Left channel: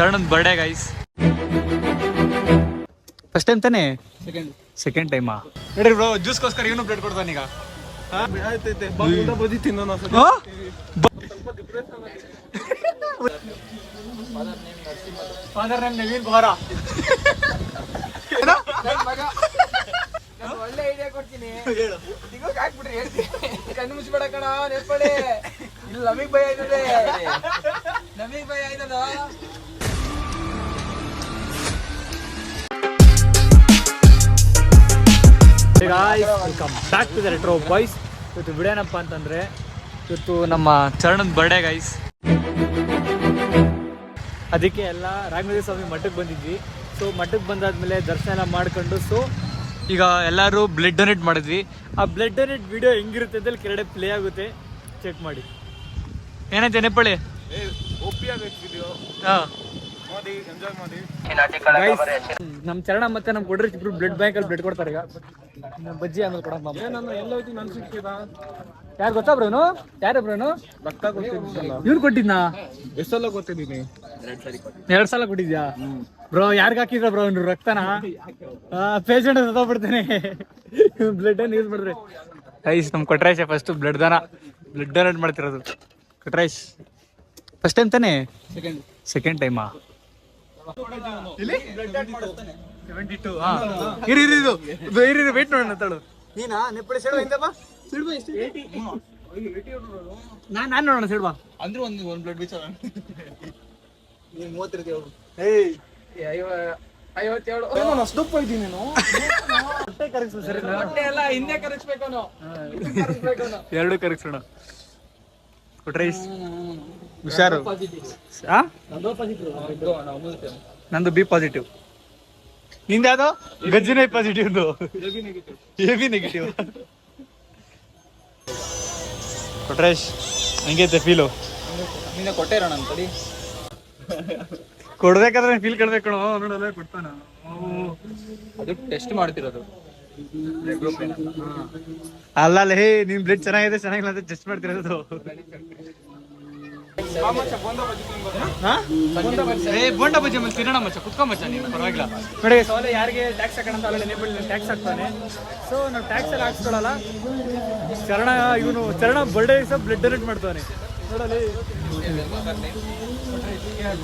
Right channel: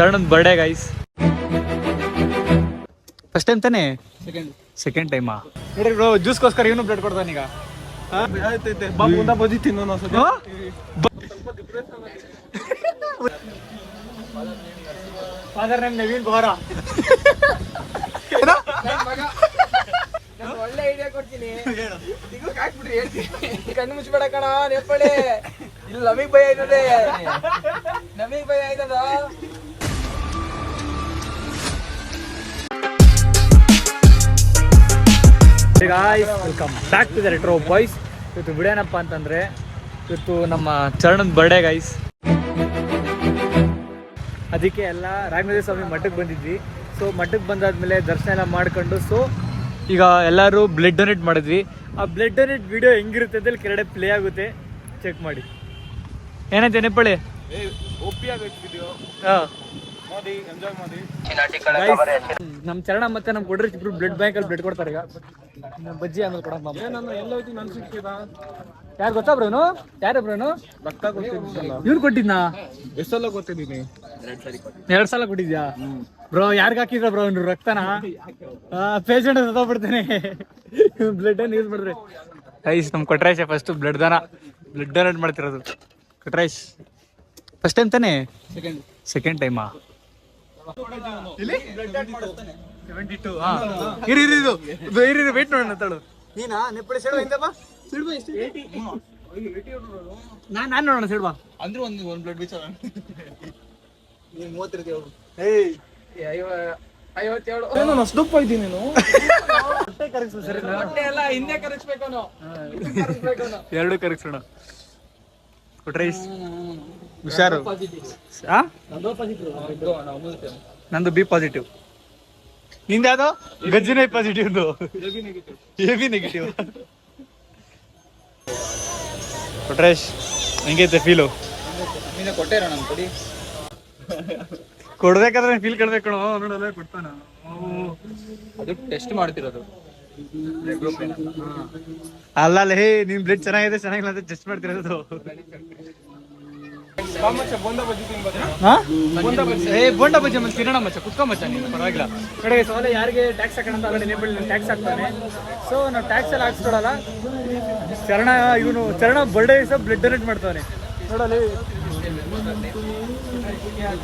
ಚರಣನ್ birthday guys. First time ತಾನೇ? Second ಟೈಮಾ? ನೋಡ್ರಿ bro, ಜ್ಯೂಸ್ಗೋಸ್ಕರ ಇವನು ಬ್ಲಡ್ ಕೊಡ್ತಾನೆ ಈಗ. Father name Naveen Bora. ಒಳ್ಳೆ ಐಡಿಯಾ ಕೊಡ್ತೀನಿ, ಹಾಕ್ಬಿಟ್ರಿ ಹೇಳ್ತೀನಿ. ಕಣ್ಣು ಮುಚ್ಬೇಡ ಕಣ, ನೆಪ್ಪಳೆ ನಮಗ್ ಭಯ ಆಯ್ತದೆ, ನಮಗ್ ಭಯ ಆಯ್ತದ. Welcome back to the retro boys. ಇವತ್ತು ಬಿಡೋಣಪ್ಪ ಅಂತಂದ್ರೆ ಇವತ್ತು ನಮ್ಮ ಚರಣನ್ ಬರ್ಡೇ ಗೈಸ್. ಅದಕ್ಕೆ ಎಲ್ಲ ರಾಘವೇಂದ್ರ ಸ್ವಾಮಿ ಮಠಕ್ಕೆ ಬಂದಿದ್ವಿ. ಸೊ ಮಠಕ್ಕೆ ಬಂದಾದ್ಮೇಲೆ ದರ್ಶನ ಎಲ್ಲ ಮಾಡ್ಕೊಂಡು ಸೊ ಈಗ ಎಲ್ಲರೂ ಬ್ಲಡ್ ಡೊನೇಟ್ ಮಾಡಿದ್ವಿ. ಆ ಬ್ಲಡ್ ಡೊನೇಟ್ ವಿಡಿಯೋ ಹೆಂಗಿರುತ್ತೆ ಅಂತ ಕೆಳಗಡೆ ಪ್ಲೇ ಆಗುತ್ತೆ, ಚೆಕ್ ಮಾಡಿ. ಏನಂತೆ ನೆಪ್ಪಳಿ ಗೈಸ್, ನಮ್ಮ ಚರಣ ಮತ್ತೆ ನಮ್ಮ ಕೊಡ್ರಿ ಇಬ್ರು ಬ್ಲಡ್ ಬ್ಯಾಂಕ್ ಅಲ್ಲಿ ಬ್ಲಡ್ ಕೊಡ್ತಾರೆ. ಈಗ ಬಜ್ಜಿ ಆಮೇಲೆ ಕೊಡಮ್ಮ. ಯಾರು ಗೊತ್ತಾ ಬ್ರೋನು? ಯಾರು ಬ್ರೋನು? ಇವ್ರು ಕೊಟ್ಟಿದ್ನಾ? ಎಷ್ಟು ಸಲ ಕೊಟ್ಟಿದ್ದೀನಿ? 2 ಸಲ ಕೊಟ್ಟಿದ್ಯಾ ಬ್ರೋ? ಯಾರ್ಗ ಹಾಕಿದ್ರ ಬ್ರೋ ಇವ್ರು ರಕ್ತನ? ಪೇಷಂಟ್ ಸತ್ತೋಗ್ಬಿಡ್ತೇನೆ. ಬ್ಲಡ್ ಅನ್ನು ಯೂಸ್ ಮಾಡಿದ್ರೆ ಗೈಸ್. ನಮ್ ಕೊಟ್ರಾಯ್ಸ್ ಫಸ್ಟ್ ಬ್ಲಡ್ ಡೊನೇಟ್ ಮಾಡ್ತಿರೋದು. ಕೊಟ್ರಾಯ್ಸ್ ಫಸ್ಟ್ ಟೈಮ್ ತಾನೇ? ಸೆಕೆಂಡ್ ಟೈಮಾ? 72. ಇರಿ ವೇಟ್ ನೋಡೋಣ ತಳು. ನೀನಾ ನೆಪ್ಪಳಿ ಸೆಡ್ಬಾ ಹಿಂದೆ ಬಾ. ಸೆಡ್ಬಾ ಎಷ್ಟು? 80. ನಾನು ನೋಡೋಣ ಸೆಡ್ಬಾ. ಅಂದ್ರೆ ಒಂದು ಬ್ಲಡ್ ಬೀಚ್ ಅಲ್ಲ. ನೀವು 30 ಇರ್ತೀವಿ. ಏಯ್ 57. ನಾನು ಅಷ್ಟು ದಪ್ಪ ಇದ್ದೀನಿ ನೀನು. ಹೊಟ್ಟೆ ಕರಗಿಸು ಸರಿ. ಹೊಟ್ಟೆ ಎಲ್ಲ ಹಿಂದೆ ಕರಗಿಸ್ಬೇಕು ಅವನು. ಎರಡು ಕರಗಿಸೋಣ. ಕೊಟ್ರೈಸ್ ಹುಷಾರು. ನಂದು ಬಿ ಪಾಸಿಟಿವ್. ನಿಂದ ಯಾವ್ದು? ಗಜ್ಜಿನ ಪಾಸಿಟಿವ್. A B negative. ಕೊಟ್ರೈಸ್ ಹಂಗೈತೆ ಫೀಲು? ಕೊಟ್ಟೇರ ನಾನು ತಡಿ. ಕೊಡ್ಬೇಕಾದ್ರೆ ಫೀಲ್ ಕೊಡ್ಬೇಕು ನೋಡಲ್ಲ ಕೊಡ್ತಾನ. ಅದು ಟೆಸ್ಟ್ ಮಾಡ್ತಿರೋದು. ಅಲ್ಲ ಹೇ ನಿಮ್ ಬ್ಲಡ್ ಚೆನ್ನಾಗಿದೆ ಚೆನ್ನಾಗಿಲ್ಲ ಅಂತ ಟೆಸ್ಟ್ ಮಾಡ್ತಿರೋದು. ಬೋಂಡ ಬಜ್ಜಿ ಆಮೇಲೆ ತಿನ್ನೋಣ ಮಚ್ಚ, ಕುತ್ಕೊ ಮಚ್ಚ ನೀನು, ಪರವಾಗಿಲ್ಲ. ನೋಡಿ ಸವಾಲ ಯಾರಿಗೆ ಟ್ಯಾಕ್ಸ್ ಹಾಕೋಣ ಅಂತ ಆಲ್ರೆಡಿ ನೇಬಲ್ ಟ್ಯಾಕ್ಸ್ ಹಾಕ್ತಾನೆ. ಸೊ ನಾವು ಟ್ಯಾಕ್ಸ್ ಎಲ್ಲ ಹಾಕ್ಸ್ಕೊಳಲ್ಲ. ಚರಣ ಬರ್ಡೇ ದಿವಸ ಬ್ಲಡ್ ಡೊನೇಟ್ ಮಾಡ್ತಾನೆ ನೋಡಲಿ.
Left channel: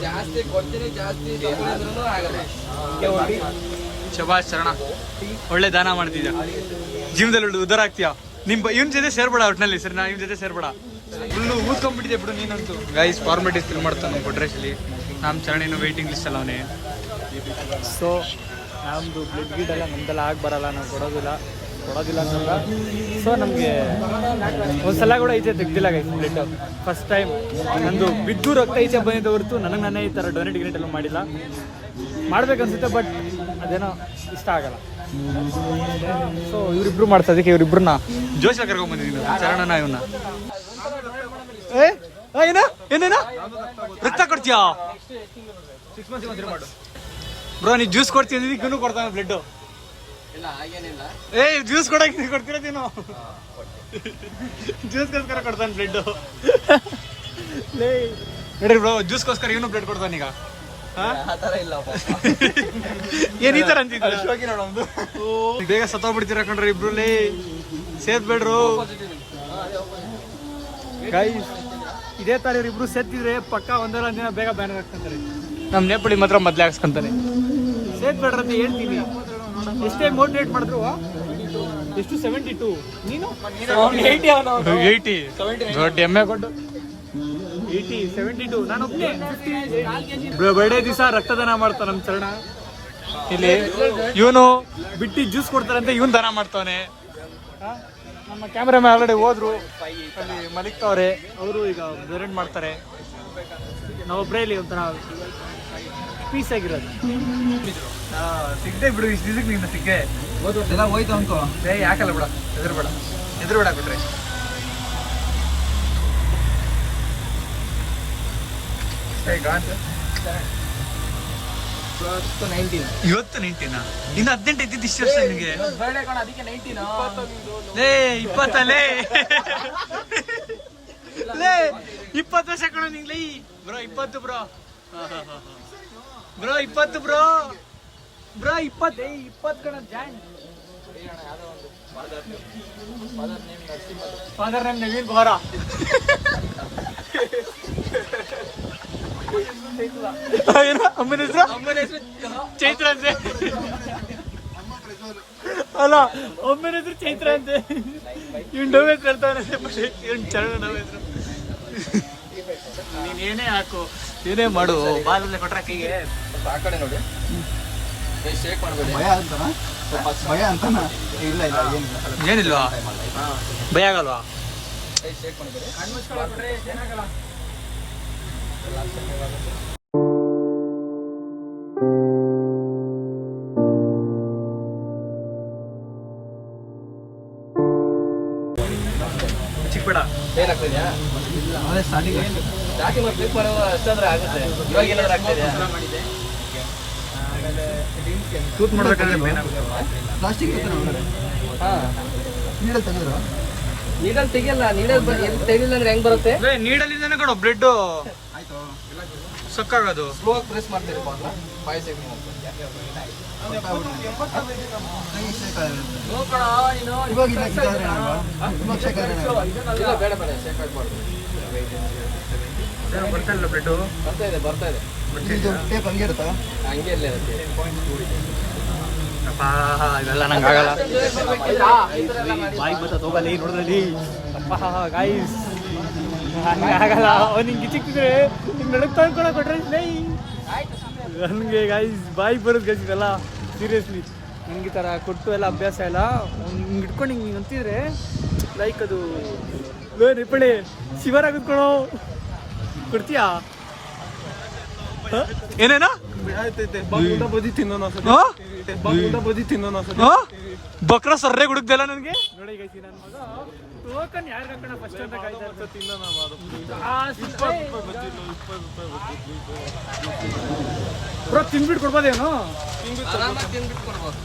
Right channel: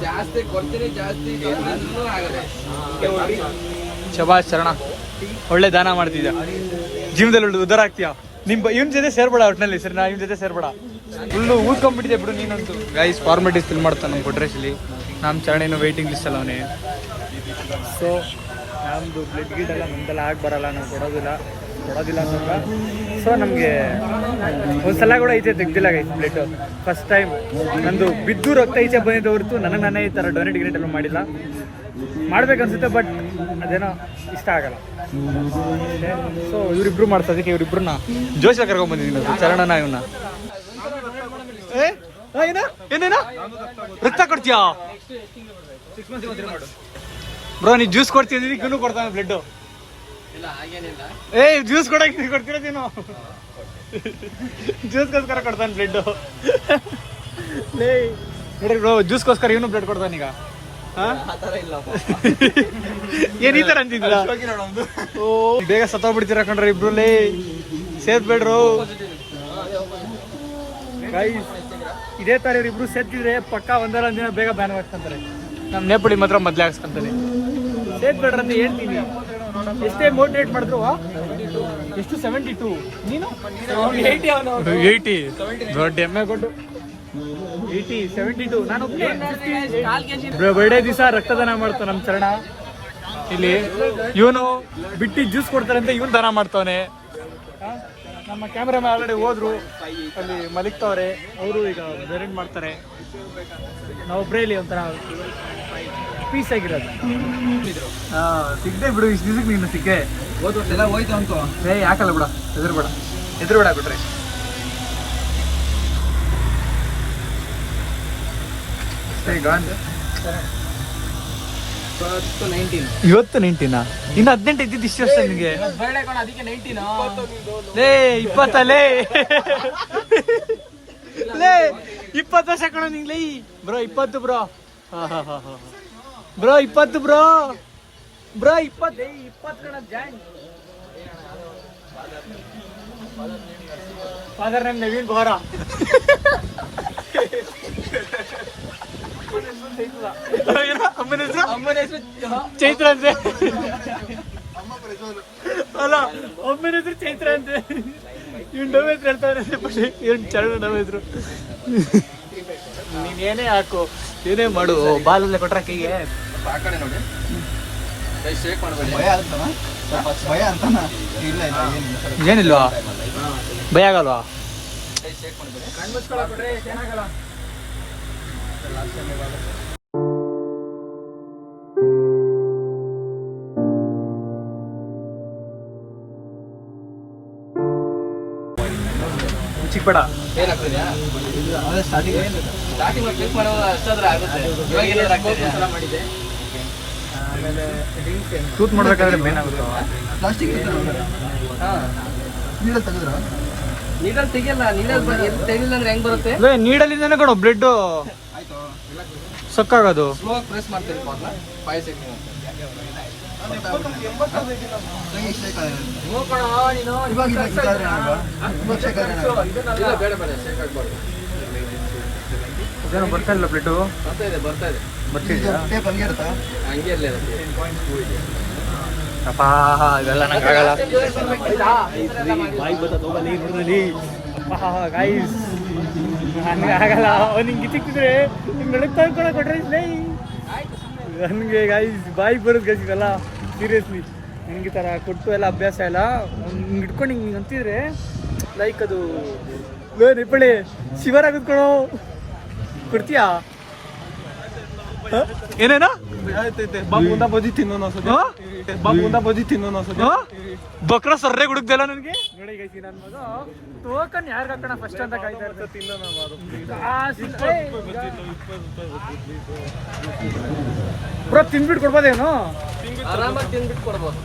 ಜಾಸ್ತಿ ಕೊಡ್ತೀನಿ, ಜಾಸ್ತಿ ಆಗಲ್ಲ. ಶಬಾಷ್ ಚರಣ, ಒಳ್ಳೆ ದಾನ ಮಾಡ್ತಿದ್ಯಾ, ಜೀವನದಲ್ಲಿ ಒಳ್ಳೆ ಉದ್ದಾರ ಆಗ್ತೀಯಾ. ಇವನ್ ಜೊತೆ ಸೇರ್ಬೇಡ ಒಟ್ನಲ್ಲಿ ಸರಿ. ನಾ ಇವನ್ ಜೊತೆ ಸೇರ್ಬೇಡ, ಫುಲ್ಲು ಊದ್ಕೊಂಡ್ಬಿಟ್ಟಿದ್ದೆ ಬಿಡು ನೀನಂತೂ. ಗೈಸ್ ಫಾರ್ಮಾಲಿಟೀಸ್ ಫಿಲ್ ಮಾಡ್ತಾನೆ ನಮ್ಮ ಕೊಟ್ರೇಸಲ್ಲಿ. ನಮ್ಮ ಚರಣೇನು ವೇಟಿಂಗ್ ಲಿಸ್ಟ್ ಅಲ್ಲ ಅವನೇ. ಸೊ ನಮ್ಮದು ಬ್ಲಡ್ ಗಿಡ್ ಎಲ್ಲ ನಮ್ದೆಲ್ಲ ಆಗಿ ಬರಲ್ಲ, ನಾವು ಕೊಡೋದಿಲ್ಲ ಅಂತಂದ. ಸೊ ನಮಗೆ ಒಂದ್ಸಲ ಕೂಡ ಈಚೆ ತೆಗ್ದಿಲ್ಲ ಗೈಸ್ ಬ್ಲಡ್. ಫಸ್ಟ್ ಟೈಮ್ ನಂದು ಬಿದ್ದು ರಕ್ತ ಈಚೆ ಬಂದಿದ್ದ ಹೊರತು ನನಗೆ ಈ ಥರ ಡೊನೇಟ್ ಗಿನೇಟ್ ಎಲ್ಲ ಮಾಡಿಲ್ಲ. ಮಾಡ್ಬೇಕನ್ಸುತ್ತೆ ಬಟ್ ಅದೇನೋ ಇಷ್ಟ ಆಗಲ್ಲ. ಸೊ ಇವರಿಬ್ರು ಮಾಡ್ಸೋದಕ್ಕೆ ಇವರಿಬ್ರನ್ನ ಜೋಶ ಕರ್ಕೊಂಡ್ಬಂದಿದ್ದೀನಿ. ಚರಣನ ಇವನ್ನ ಏನೇನೋ ರಕ್ತ ಕೊಡ್ತೀಯಾ ಬ್ರೋ? ನೀ ಜ್ಯೂಸ್ ಕೊಡ್ತೀನಿ, ಇವನು ಕೊಡ್ತಾನೆ ಬ್ಲಡ್. ಜ್ಯೂಸ್ ಕೊಡಕ್ಕೆ ಕೊಡ್ತೀರ ನೀನು? ಜ್ಯೂಸ್ಗೋಸ್ಕರ ಕೊಡ್ತಾನೆ ಬ್ಲಡ್. ನೋಡ್ರಿ ಬ್ರೋ, ಜ್ಯೂಸ್ಗೋಸ್ಕರ ಇವನು ಬ್ಲಡ್ ಕೊಡ್ತಾನೆ ಈಗ. ಏನ್ ಈ ತರ ಅಂತಿದ್ರ? ಬೇಗ ಸತ್ತೋಗ್ಬಿಡ್ತೀರ ಕಣ್ರಿ ಇಬ್ರು. ಸೇರ್ಬೇಡ್ರು ಗೈಸ್. ಇದೇ ತರ ಇವ್ರಿಬ್ರು ಸೇರ್ತಿದ್ರೆ ಪಕ್ಕ ಒಂದಲ್ಲ ಒಂದಿನ ಬೇಗ ಬ್ಯಾನ್ ಹಾಕ್ಸ್ಕೊಂತಾರೆ. ನಮ್ ನೇಪಾಳಿ ಮಾತ್ರ ಮೊದ್ಲೇ ಹಾಕ್ಸ್ಕೊಂತಾನೆ. ಸೇರ್ಬೇಡ್ರ ಅಂತ ಹೇಳ್ತೀನಿ. ಎಷ್ಟೇ ಮೋಟಿವೇಟ್ ಮಾಡಿದ್ರು. ಎಷ್ಟು? 72. ನೀನು 80. ದೊಡ್ಡ ಎಮ್ಮೆ ಕೊಟ್ಟು 80, 72. ನಾನು ಒಬ್ಬನೇ ಬರ್ಡೇ ದಿವಸ ರಕ್ತದಾನ ಮಾಡ್ತಾನೆ ನಮ್ಮ ಚರಣ. ಇಲ್ಲಿ ಇವನು ಬಿಟ್ಟು ಜ್ಯೂಸ್ ಕೊಡ್ತಾರಂತೆ, ಇವನ್ ದಾನ ಮಾಡ್ತಾವನೆ. ನಮ್ಮ ಕ್ಯಾಮ್ರಾಮನ್ ಆಲ್ರೆಡಿ ಹೋದ್ರು, ಅಲ್ಲಿ ಮಲಿಕ್ತವ್ರೆ. ಅವರು ಈಗ ಡೊನೇಟ್ ಮಾಡ್ತಾರೆ. ನಾವೊಬ್ಬರೇ ಇಲ್ಲಿ ಒಂಥರ ಪೀಸ್ ಆಗಿರೋದು. ಸಿಗ್ದೆ ಬಿಡು, ಇಷ್ಟು ದಿವಸಕ್ಕೆ ನೀನು ಸಿಕ್ಕೆ ಹೋಯ್ತು ಅನ್ಕೋ. ಯಾಕಲ್ಲ ಬಿಡ, ಎದುರುಬೇಡ ಬಿಟ್ರೆ. ಇವತ್ತು 19. ಇನ್ನು 18 ಇದ್ದಿದ್ದು ಇಷ್ಟು ವರ್ಷ ನಿಮಗೆ. 20 ಲೇ 20 ವರ್ಷ ಕಣ ನಿಂಗ್ಲೈ ಬ್ರೋ. 20 ಬ್ರೋ. ಬ್ರೋ 20 ಬ್ರೋ 20 ಕಣ join. Father name Naveen Bora. ಅಮ್ಮನ ಹೆಸರು ಚೈತ್ರ ಅಂತೆ. ಅಲ್ಲ ಅಮ್ಮನ ಹೆಸರು ಚೈತ್ರ ಅಂತೆ. ಇನ್ ಡವ್ ಹೆಸರು ಹೇಳ್ತವ್ರೆ. ಇವ್ನು ಚರಣ ಡವ್ ಹೆಸರು. ನೀನೇನೇ ಹಾಕು ಏನೇ ಮಾಡು ಬಾಲಲ್ಲೇ ಕೊಟ್ರ ಕೈಗೆ. ಆ ಕಡೆ ನೋಡಿ ಶೇಕ್ ಮಾಡ್ಬೋದು. ಭಯ ಅಂತನಾ? ಇಲ್ಲ ಏನಿಲ್ಲ. ಏನಿಲ್ವಾ? ಭಯ ಆಗಲ್ವಾ? ಶೇಕ್ ಮಾಡ್ಬೋದು. ಕಣ್ಣು ಮುಚ್ಕೊಳ್ಳೋದ್ರೆ ಚೆನ್ನಾಗಲ್ಲ. ಚಿಕ್ಕಬೇಡ ಏನಾಗ್ತಿದ್ಯಾ? ಅದೇ ಸ್ಟಾರ್ಟಿಂಗ್ ಕ್ಲಿಕ್ ಮಾಡೋ ಅಷ್ಟಾದ್ರೆ ಆಗುತ್ತೆ. ಇವಾಗ ಏನಾದ್ರು ಆಗ್ತಿದೆ ಮಾಡಿದೆ. ತೂತ್ ಮಾಡ್ಬೇಕಾದ್ರೆ ಮೇನ್ ಆಗುತ್ತೆ. ಪ್ಲಾಸ್ಟಿಕ್ ಹಾಂ ನೀಡಲ್ ತೆಗೆದ್ರು ನೀಡಲ್ ತೆಗಿಯಲ್ಲ. ನೀಡಲ್ ತೆಗಿಲಿಲ್ಲ ಅಂದ್ರೆ ಹೆಂಗ್ ಬರುತ್ತೆ? ನೀಡಲಿಂದನೇ ಕಣೋ ಬ್ಲಡ್ ಆಯ್ತು. ಸಕ್ಕಾಗೋದು. ಸ್ಲೋ ಪ್ರೆಸ್ ಮಾಡ್ತೀರಿ ಮೊದಲ 5 ಸೆಕೆಂಡ್ ಅಂತ. ಇವಾಗ ಇಲ್ಲ ಇದಾದ್ರೆ ಇವಾಗ ಶೇಕಾದ್ರೆ ಇಲ್ಲ ಬೇಡ ಶೇಕ್ ಆಗ್ಬಾರ್ದು. ಬರ್ತಾ ಇಲ್ಲ ಬ್ಲಡ್. ಬರ್ತಾ ಇದೆ ಟೇಪ್ ಹಂಗೆ ಇರುತ್ತಾ? ಹಂಗೆ ಇರಲಿ ಅದಕ್ಕೆ. ಅಪ್ಪ ಇದೆಲ್ಲ ನಂಗೆ ಆಗಲ್ಲ. ಬಾಯಿಗೆ ಬರ್ತದೆ ಹೋಗ ನೀರು ನೋಡಿದ್ರಲ್ಲಿ. ಅಪ್ಪ ಗಾಯ್ಸ್ ನನಗೆ ಆಗಲ್ಲ. ಅವ್ನಿಗೆ ಗಿಚ್ಚಿಕ್ಕಿದ್ರೆ ಬೆಳಗ್ಗೆ ತಂದ್ಕೊಳ ಕೊಟ್ರೆ ನನಗೆ ಗಾಯ್ಸ್ ಬಾಯಿಗೆ ಬರೋದು ಗಾಯ್ಸ್ ಇವೆಲ್ಲ ಸೀರಿಯಸ್ಲಿ. ನನಗೆ ಈ ಥರ ಕೊಟ್ಟು ಎಲ್ಲ ಅಭ್ಯಾಸ ಇಲ್ಲ. ಹಿಂಗೆ ಇಟ್ಕೊಂಡು ಹಿಂಗೆ ಅಂತಿದ್ರೆ ಲೈಕ್ ಅದು ನಿಪ್ಪಳಿ ಶಿವರಾಗ ಕುತ್ಕೊಳೋ ಕೊಡ್ತೀಯಾ? ಏನೇನಾ ಬದಿ ತಿನ್ನೋಣ ಬಕ್ರ ಸರ್ರೆ ಹುಡುಕ್ದಲ್ಲ ನನಗೆ. ನೋಡಿ ಗೈಸಿ ನನ್ನ ಮಗ ಟೋಕನ್ ಯಾರು ಹಾಕೋಣ ಫಸ್ಟ್ ಅಂತ ಕಾಯ್ತಾ ಇರ್ತೀನಿ. ಬ್ರೋ ತಿನ್ಬಿಟ್ಟು ಕೊಡ್ಬೋದೇನು? ಆರಾಮಾಗಿ ತಿಂದ್ಬಿಟ್ಟು ಕೊಡ್ಬೋದು.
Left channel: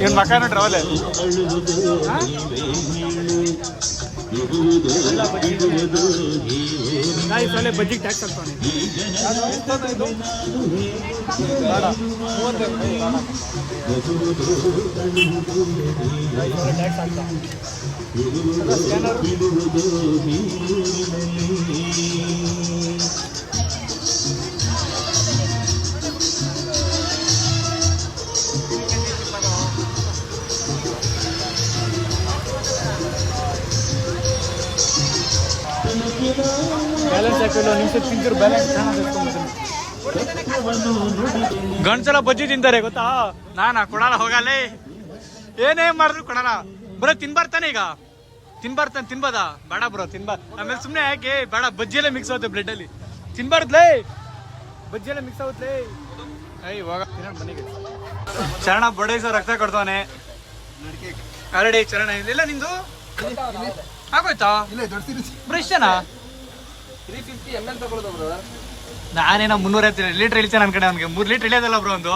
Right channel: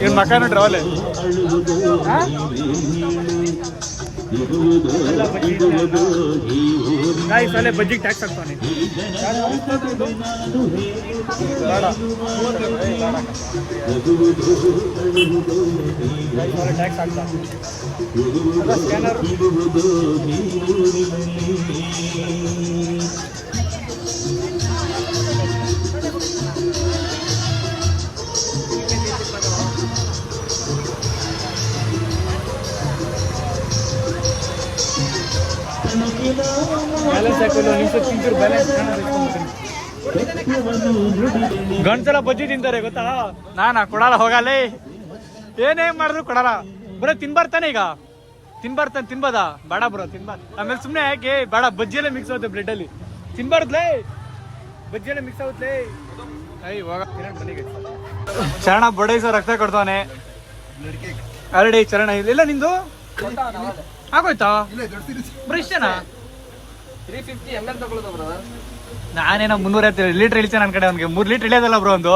ಇವನ್ ಮಕ್ಕ ನೋಡ್ರಿ ಅವಲೆ ಗಾಯ್ಸ್ ಅಲ್ಲೇ ಬಜ್ಜಿಗೆ ಟ್ಯಾಕ್ಸ್ ಹಾಕ್ತಾನೆ. ಬೇಡ ಟ್ಯಾಕ್ಸ್ ಹಾಕ್ತಾ ಸ್ಕ್ಯಾನರ್. ಬ್ಯಾಲೆನ್ಸ್ ಹಾಕಲ್ಲ ನಿಮಿಷ ತಿಂತಾರೆ. ಬ್ಯಾಲೆನ್ಸ್ ಗಂಡ್ಸಲ ಬಜ್ಜಿ ತಿಂತಾರೆ ಗೊತ್ತಾ? ನಾನಾ ಕೊಡಲ್ಲ ಹೋಗಲ್ಲೇ. ಏನೇ ಮಾಡಿದ್ರು ಕೊಡಲ್ಲ. ಬರೋ ತಿನ್ಬಾರ್ತಾನೆ ಈಗ ತಿನ್ಬೋದ? ಬೇಡ ಬ್ರೋ ತಿನ್ಬಾರ್ದು. ಆಮೇಲೆ ಸುಮ್ಮನೆ ಯಾಕೆ ಬೇಡ. ಬಜ್ಜಿ ಎಲ್ಲ ಮಿಕ್ಸ್ ಆಗುತ್ತೆ ಬ್ಲಡ್ ಅಲ್ಲಿ. ತಿನ್ಬಾರ್ದ್ಲೇ ಬಜ್ಜಿ ಎಲ್ಲ ಮಿಕ್ಸ್ ಆಗುತ್ತೆ. ಹೋಗ ಚರಣ ಬಡೈಸ ರಕ್ತ ಕೊಡ್ತಾನೆ ಆಲ್ರೆಡಿ. ಚರಣ ಇಲ್ಲ ನಿಂದು ಆಗೋಯ್ತಾ ಬ್ರೋ? ಇಷ್ಟನಾ? 350 ml ತಗೊಳ್ಳೋದು ಬ್ರದರ್. ನಾನೇನೋ 350 ಲೀಟರ್ ಇಳಿತೇನೆ ನನ್ನ ಕಡೆ. ಅವ್ನಿಗೆ 3 ಲೀಟರ್ ಇಳಿಯೋದಲ್ಲ ಬ್ರೋ. ಒಂದು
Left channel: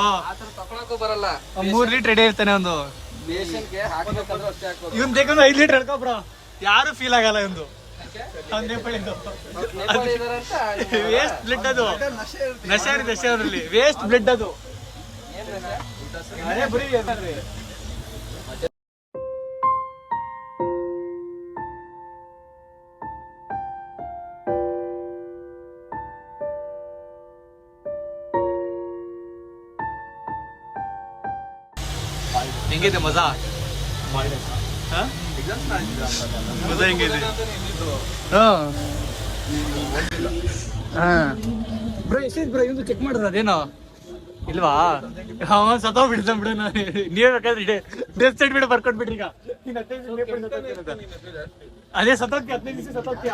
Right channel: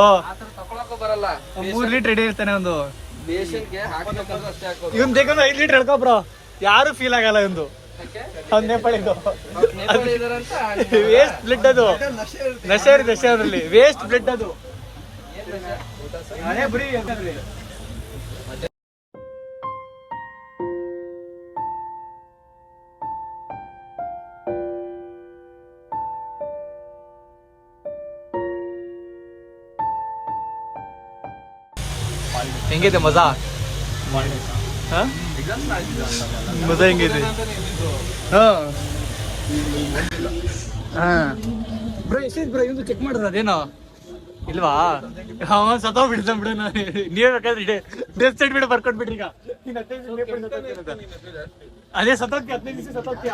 ತಗೊಳಕ್ಕೂ ಬರಲ್ಲ. 3 ಲೀಟರ್ ಇಳಿ ಇರ್ತಾನೆ ಒಂದು. ಬೇಷನ್ಗೆ ಹಾಕ್ಬೇಕಂದ್ರೆ ಅಷ್ಟೇ ಹಾಕೋದು. ಇವನ್ ಬೇಕಂದ್ರೆ 5 ಲೀಟರ್ ಹೇಳ್ಕೊ ಬ್ರೋ. ಯಾರು ಫೀಲ್ ಆಗಲ್ಲ ಇವಂದು. ನೇಪಾಳಿದು ನೇಪಾಳಿ ಇದಾರಂತ ವೇಸ್ಟ್ ಬ್ಲಡ್ ಅದು. ನಶೆ ನಶೆ ಅದ್ರಲ್ಲಿ ವೇಸ್ಟ್ ಬ್ಲಡ್ ಅದು. ಅದೇ ಬರೀ ಹೆಂಗಿದೆ ಮಜಾ? ಮಜಾ ಹೆಂಗಿದೆ? ಬ್ರೋ ಎಷ್ಟಿದ್ ಬ್ರೋ? ಇವಂದು ಚೆಕ್ ಮಾಡಿದ್ರ ಅದೇನೋ ಇಲ್ವಾ? ಅವ ಸತ್ತೋಗ್ಬಿಡ್ತಾನ ಬಿಡ. ನೀವೇ ಬೇಕಾದ್ರೆ ಡ್ರೆಸ್ ಸೈಡ್ ಬಿಡ ಬರ್ಕೊಟ್ಬಿಟ್ರಿ. ಈಗ ಅದೇ ಸತ್ತೋಗ್ತಿ 15 ದಿವಸ ಸತ್ತೋಗ್ತೀಯ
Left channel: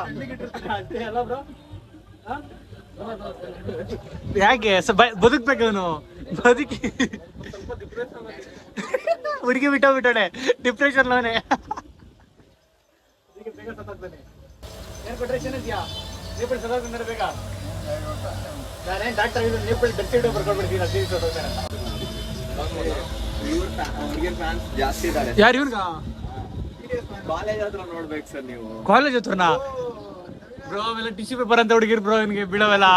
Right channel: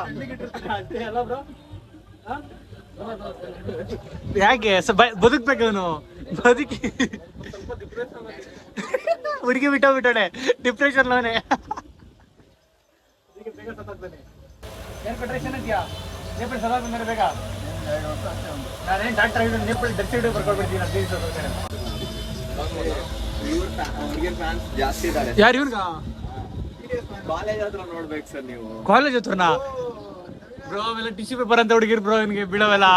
ಅಷ್ಟೇ ಅಲ್ಲ ಬ್ರೋ? ಯಾಕೆ ಬದುಕ್ಬೇಕು ಅವನು? ಬದುಕಿ ಹುಡುಗಿ ಬಿಟ್ಟೋಗ್ಬಿಟ್ಟಾನೆ ಡಿಪ್ರೆಷನ್ ಅವನೇ. ಏನ್ ಕೊಟ್ರೆ ಇದೆಯಾ? ನೇಪಾಳಿ ಸದಾ ಮೇಲೆ ಬೇಗ ನಾನೇನು ಡಾಕ್ಟರ್ ಆಗಿದ್ದು ನೇಪಾಳಿ ಡೆತ್ ಸೈಡ್ ಬರ್ಕೊಳ್ಬಿಡ್ತೀನಿ 15 ದಿವಸ ಅಂತ. ಜಾಸ್ತಿ ಇದ್ದಾರೆ. ಯಾರು ಇವ್ರಿಗ? ಕಾಲೇಜ್ ಹತ್ರ ನೋಡ್ಬೇಕು ಸರ್ ನೀವು. ಕಾಲೇಜ್ ಹತ್ರನಾ ಬ್ರೋ? ಅವೆಲ್ಲ ಟಿಶ್ಯೂ ಪೇಪರ್ ಅಂತ ಹುಡುಗಿರ್ ಬ್ರೋ. ನಿನ್ಗೆ ಬಿಡೋವೆಲ್ಲ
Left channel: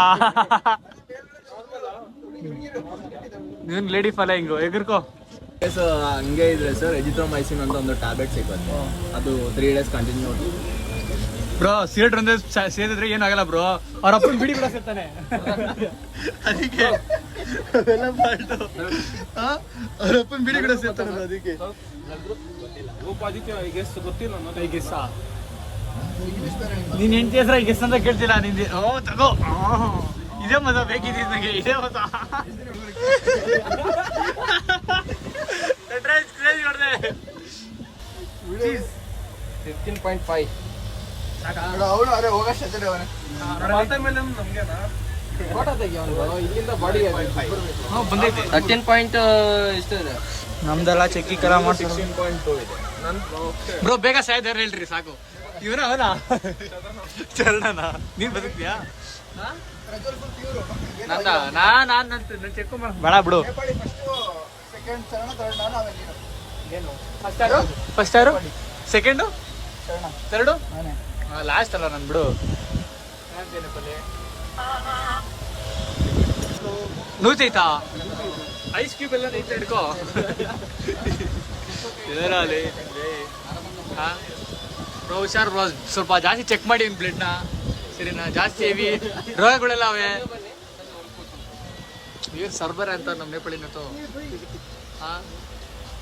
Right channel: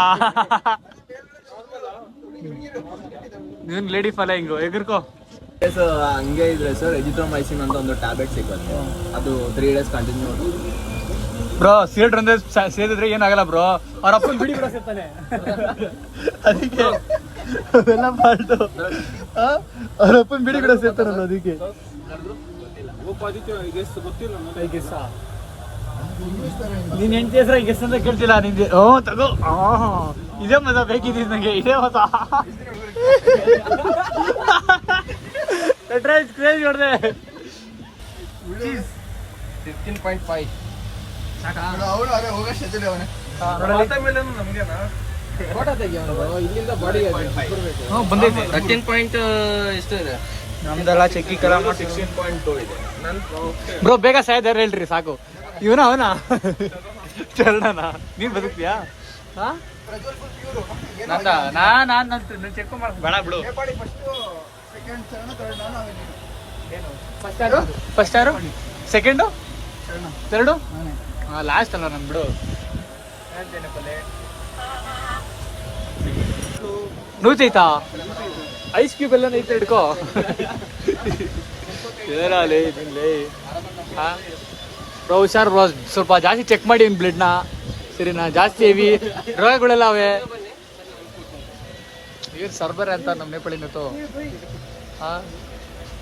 ನೀನ್ ಲೇಡಿ ಫಾಲೋಯಿಂಗು ಎಗರ್ಕೋ. ಸೊ ಹಂಗೆ ಇದ್ರೆ ಸರ್ ಎಜಿಥ್ರೋಮೈಸಿನ್ ಅಂತ ಒಂದು ಟ್ಯಾಬ್ಲೆಟ್ ಸಿಗುತ್ತೆ, ಅದು 3 days ಕಂಟಿನ್ಯೂ. ಬ್ರೋ ಸಿಗರೇಟ್ ಅಂದ್ರೆ ಸೇದಿದ್ರೆ ಏನಾಗಲ್ಲ ಬ್ರೋ, ಅವ್ರ ಅಪ್ಪನ ಬಿಡಿ ಕೂಡ ಸೇರ್ತಾನೆ. ಅದಕ್ಕೆ ಅದೆಲ್ಲ ಮಾಡ್ದು ಅವ್ರ ಅಪ್ಪನ ಬಿಡಿ ಕೂಡ ಸೇರ್ತಾನಲ್ಲ ಅದಕ್ಕೆ. ನೀನ್ ಹೆಂಡತಿ ಹೆಸರ ಗೆಸ್ ಅಂತ ಕೇಳ್ತಿಲ್ಲ ನಿಂದೆ. ತಗೋ ಇದೇ ಮಜಾ ಬೇಕಿದ್ದೀ ನಂಗೆ, ಇದೇ ಮಜಾ. ಕ್ರೇಜ್ ನೋಡ್ದೆ 13.5. ಫೋಟೋ ತೆಗಿ ಅವನು, ಇಲ್ಲಿಂದ ಬಾಡಿ ಬಂದೈತೆ. 13 ಪಾಯಿಂಟ್ ಎಷ್ಟು ಇದೆ ನಮ್ದೆಲ್ಲ ಚೆಕ್ಕಿ ಕರ ಮಾಡ್ತೀವಿ 16.2 ಇದೆ. ಬ್ರೋ. ಬೇಗ ಸಾಯ್ದಾರ ಹೇಳ್ರಿ ಸಾಕು. ಇವನ ಅವನ ಚರಣನ ನೀನ್ ಬದುಕ್ತಿಯಾ? ನಂದ ನಾನು ಚೆಕ್ ಮಾಡ ಬೇಡ ಬಿಡು. ಫಸ್ಟ್ ಯಾರು? ಸೆಕೆಂಡು? ಥರ್ಡು? ಲಾಸ್ಟ್ ಅಲ್ಲ ನನ್ ಬಿಡು. ನೂತೈತಾ? ಐಸ್ ಕ್ಯೂಬ್ ಎಲ್ಲ ಐತೆ ಹಿಡ್ಕೋ. ಬ್ರೋ ಹುಷಾರ್ ಬ್ರೋ, ಸ್ವಲ್ಪ ಜಾಸ್ತಿ ಚೆಕ್ ಮಾಡಿ ಬ್ಲಡ್ನ ಸರಿನಾ? ಜಾಸ್ತಿ ಹೆವಿ ರೋಗಗಳೆಲ್ಲ ಅವೆ. ಏನು ಸರ್ಬರ್ ಅಂತ ನಮ್ಮ ನೇಪಾಳಿನತ್ತು.